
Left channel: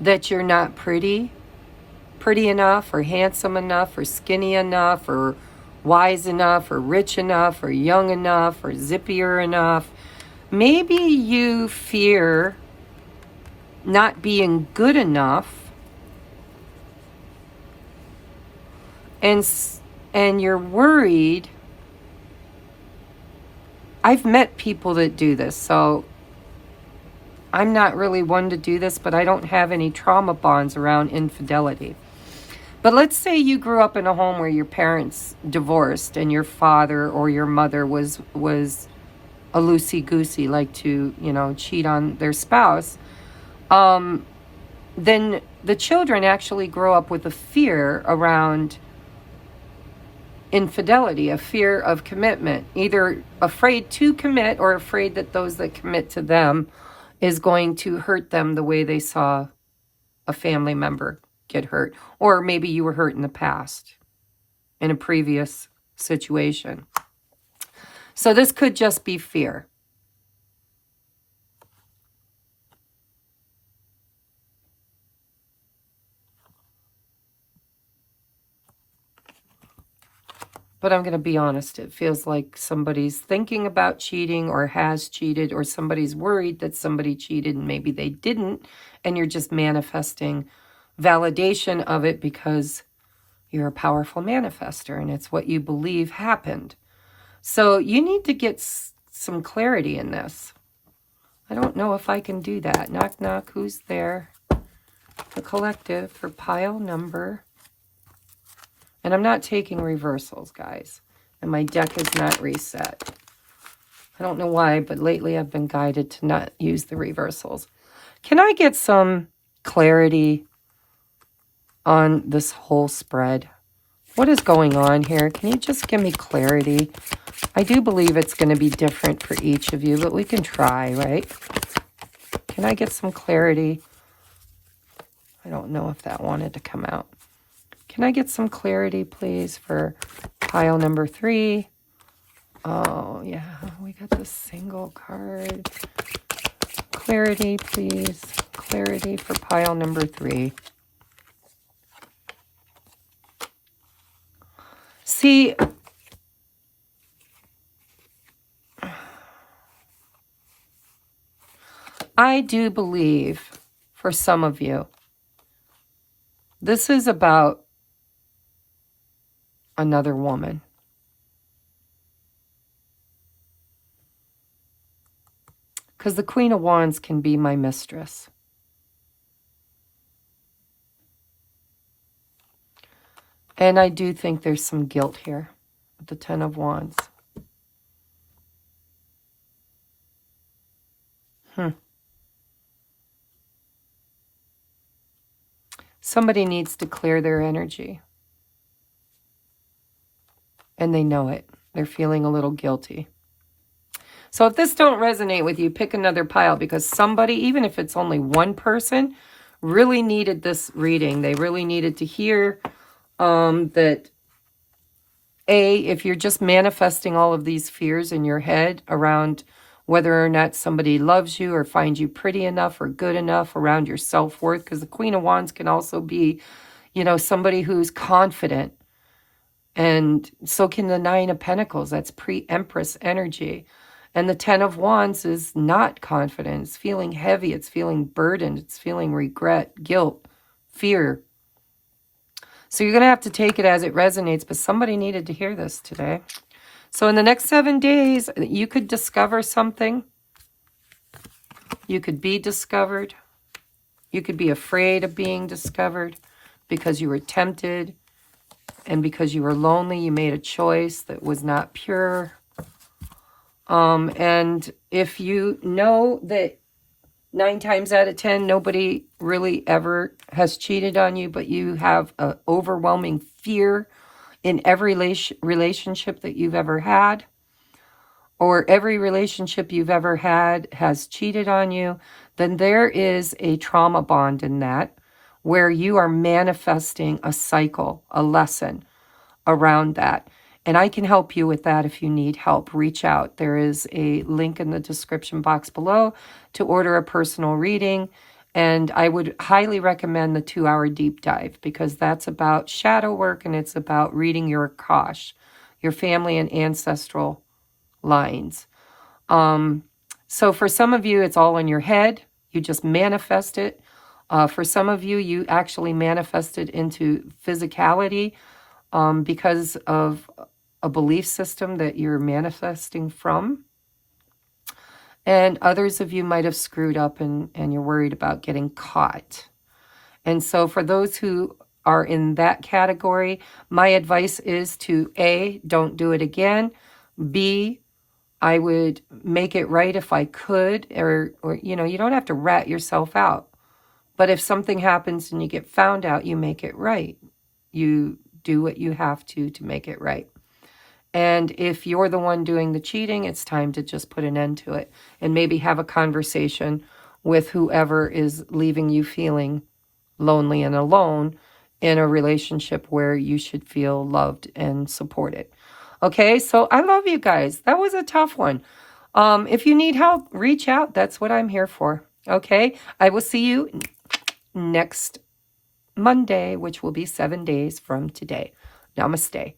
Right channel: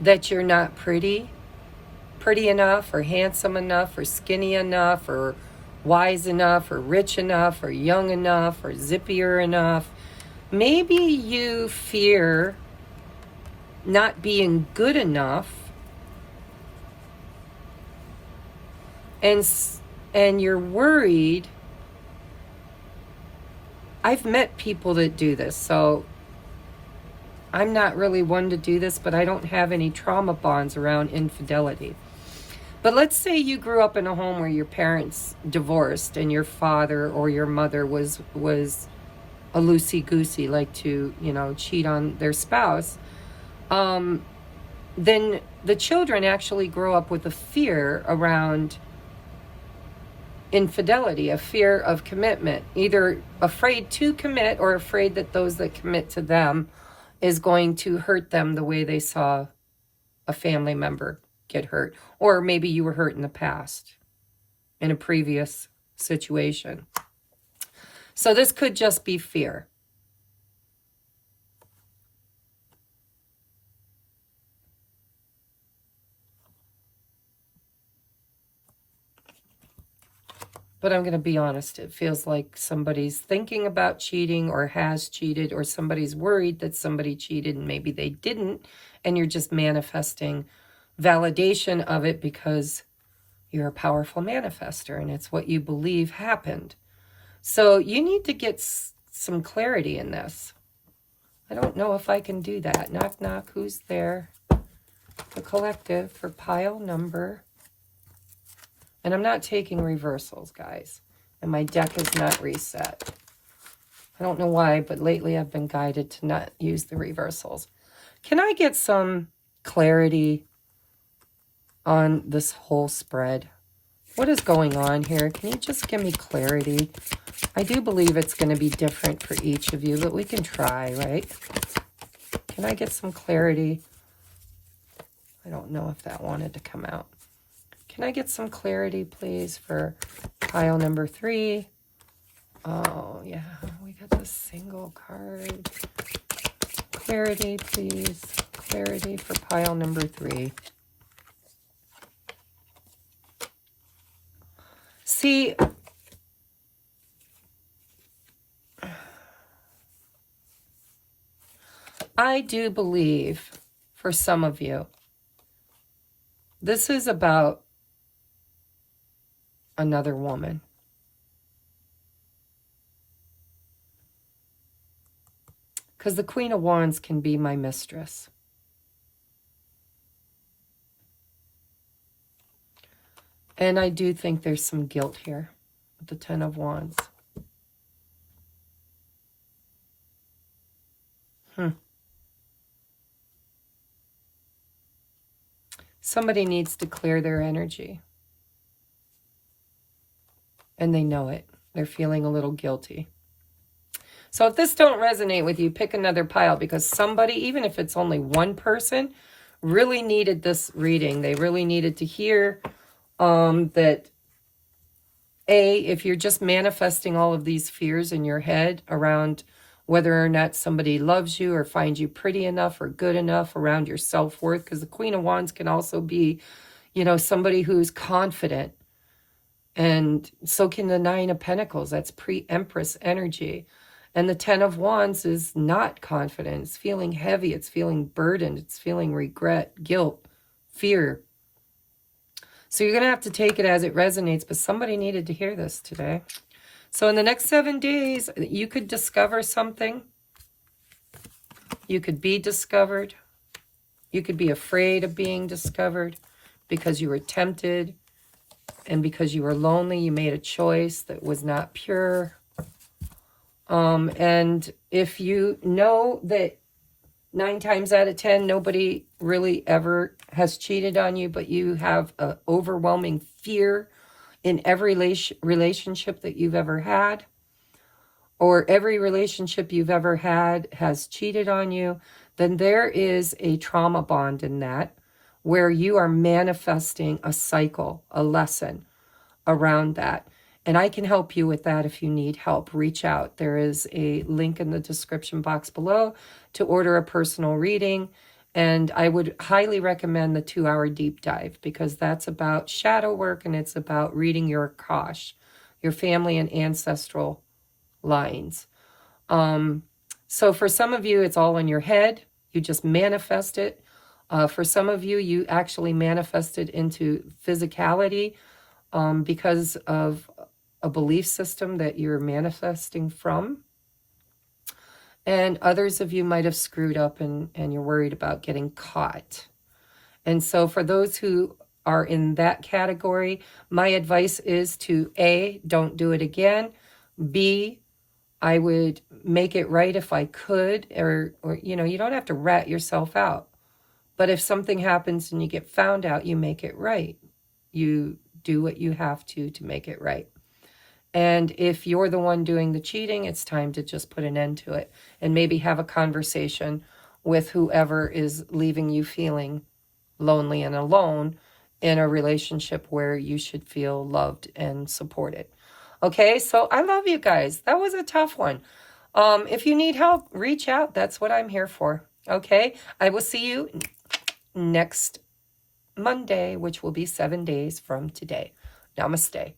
that you're not pretty enough, or handsome enough, or skinny enough, or wise enough, or rich enough, or young enough, or zippier enough. Maybe you fear not being good enough, and you're worried. I've met people that do this, so I'm not really one to do this, but I don't have any trauma bonds around infidelity. But let's say you grew up in a home where your parents divorced and your father or your mother was a loosey-goosey, like to, cheat on their spouse. Then the children actually grow up with a fear around infidelity, a fear of commitment, either afraid to commit or afraid that those that commit to them is going to hurt them the way they saw a family member get hurt. Or maybe you were hurt in the past, in a previous situation. So this could just be fear. But I'm going to be honest, it feels like somebody's thinking about cheating or has cheated, or somebody's worried that somebody cheated and maybe they didn't, and you're just manifesting validation of it because you're a powerful manifester and it's what you believe happened. So you need to get some clarity in this. I don't know if I can do that. Knock, knock, who's there? The collective for pile number. And I'm not taking reversals, guys. And my deck is not reset. I don't know why, but lately I've been guided to not use the reversals. Can I get some clarity on this whole spread? What is going on here? Can you just give me clarity? I do believe it's going to be different for each of you, but we can try, right? Can I get some clarity? I don't know if that wanted to come out. Can I get some clarity, please, for pile number 3? Oh, yeah, we got this single card. Clarity, please. Clarity for pile number 3. See, I do believe for some of you This is about another woman. Because the Queen of Wands can be my mistress. And I do think there's some guilt here with the Ten of Wands. Somebody needs to clear their energy. And they know it. They're feeling a little guilty. So if this don't resonate with you, pick another pile, because somebody, even if it's only one person, really needed this reading. They really needed to hear that, if you're just manifesting all of these fears in your head around whether or not somebody loves you or finds you pretty enough or good enough, around your self-worth, because the Queen of Wands can also be, you know, somebody who's confident. And so can the Nine of Pentacles. That's pre-Empress energy. And the Ten of Wands is not confident. It's feeling heavy. It's feeling burdened. It's feeling regret, guilt, fear. So you're going to have to take it as it resonates. But somebody needed to hear this today. So in the next 7 days, you could discover something. You could be discovered. You could be afraid of being discovered because you were tempted. And because you were lonely, you made a choice that was not pure. And if you know that 9 times out of 10, nobody really ever has cheated on you, but you have an overwhelming fear in every relationship that you've ever had, or every relationship you've ever had has cheated on you, then there is a trauma bond in that, where you are manifesting a cycle, a lesson around that. And I can help you with that if you need help. Reach out. There is a link in the description box below to order a personal reading. And I would highly recommend the 2-hour deep dive, because that's about shadow work and it's about reading your Akash, your family and ancestral lines. So for some of you, it's all in your head. You just manifest it. For some of you, you actually manifest it into physicality because of a belief system that you're manifesting from. And others of you might have screwed up and you're worried about getting caught. And so for those who are in that category, my advice is to A, don't do it again. B, I would make it right if I could, or you know, you don't have to rat yourself out. But if something happens and you get found out, you make it right. You do what you have to make it right. And if you're the one doing the cheating, it's time to just put an end to it and maybe have a conversation with whoever is leaving you feeling lonely and alone in a relationship where you should feel loved and supported. Okay, so I love you guys. That was a tough one. If you need help, reach out. That's what I'm here for. Okay, I will see you next Monday, which will be 7 days from today. Namaste.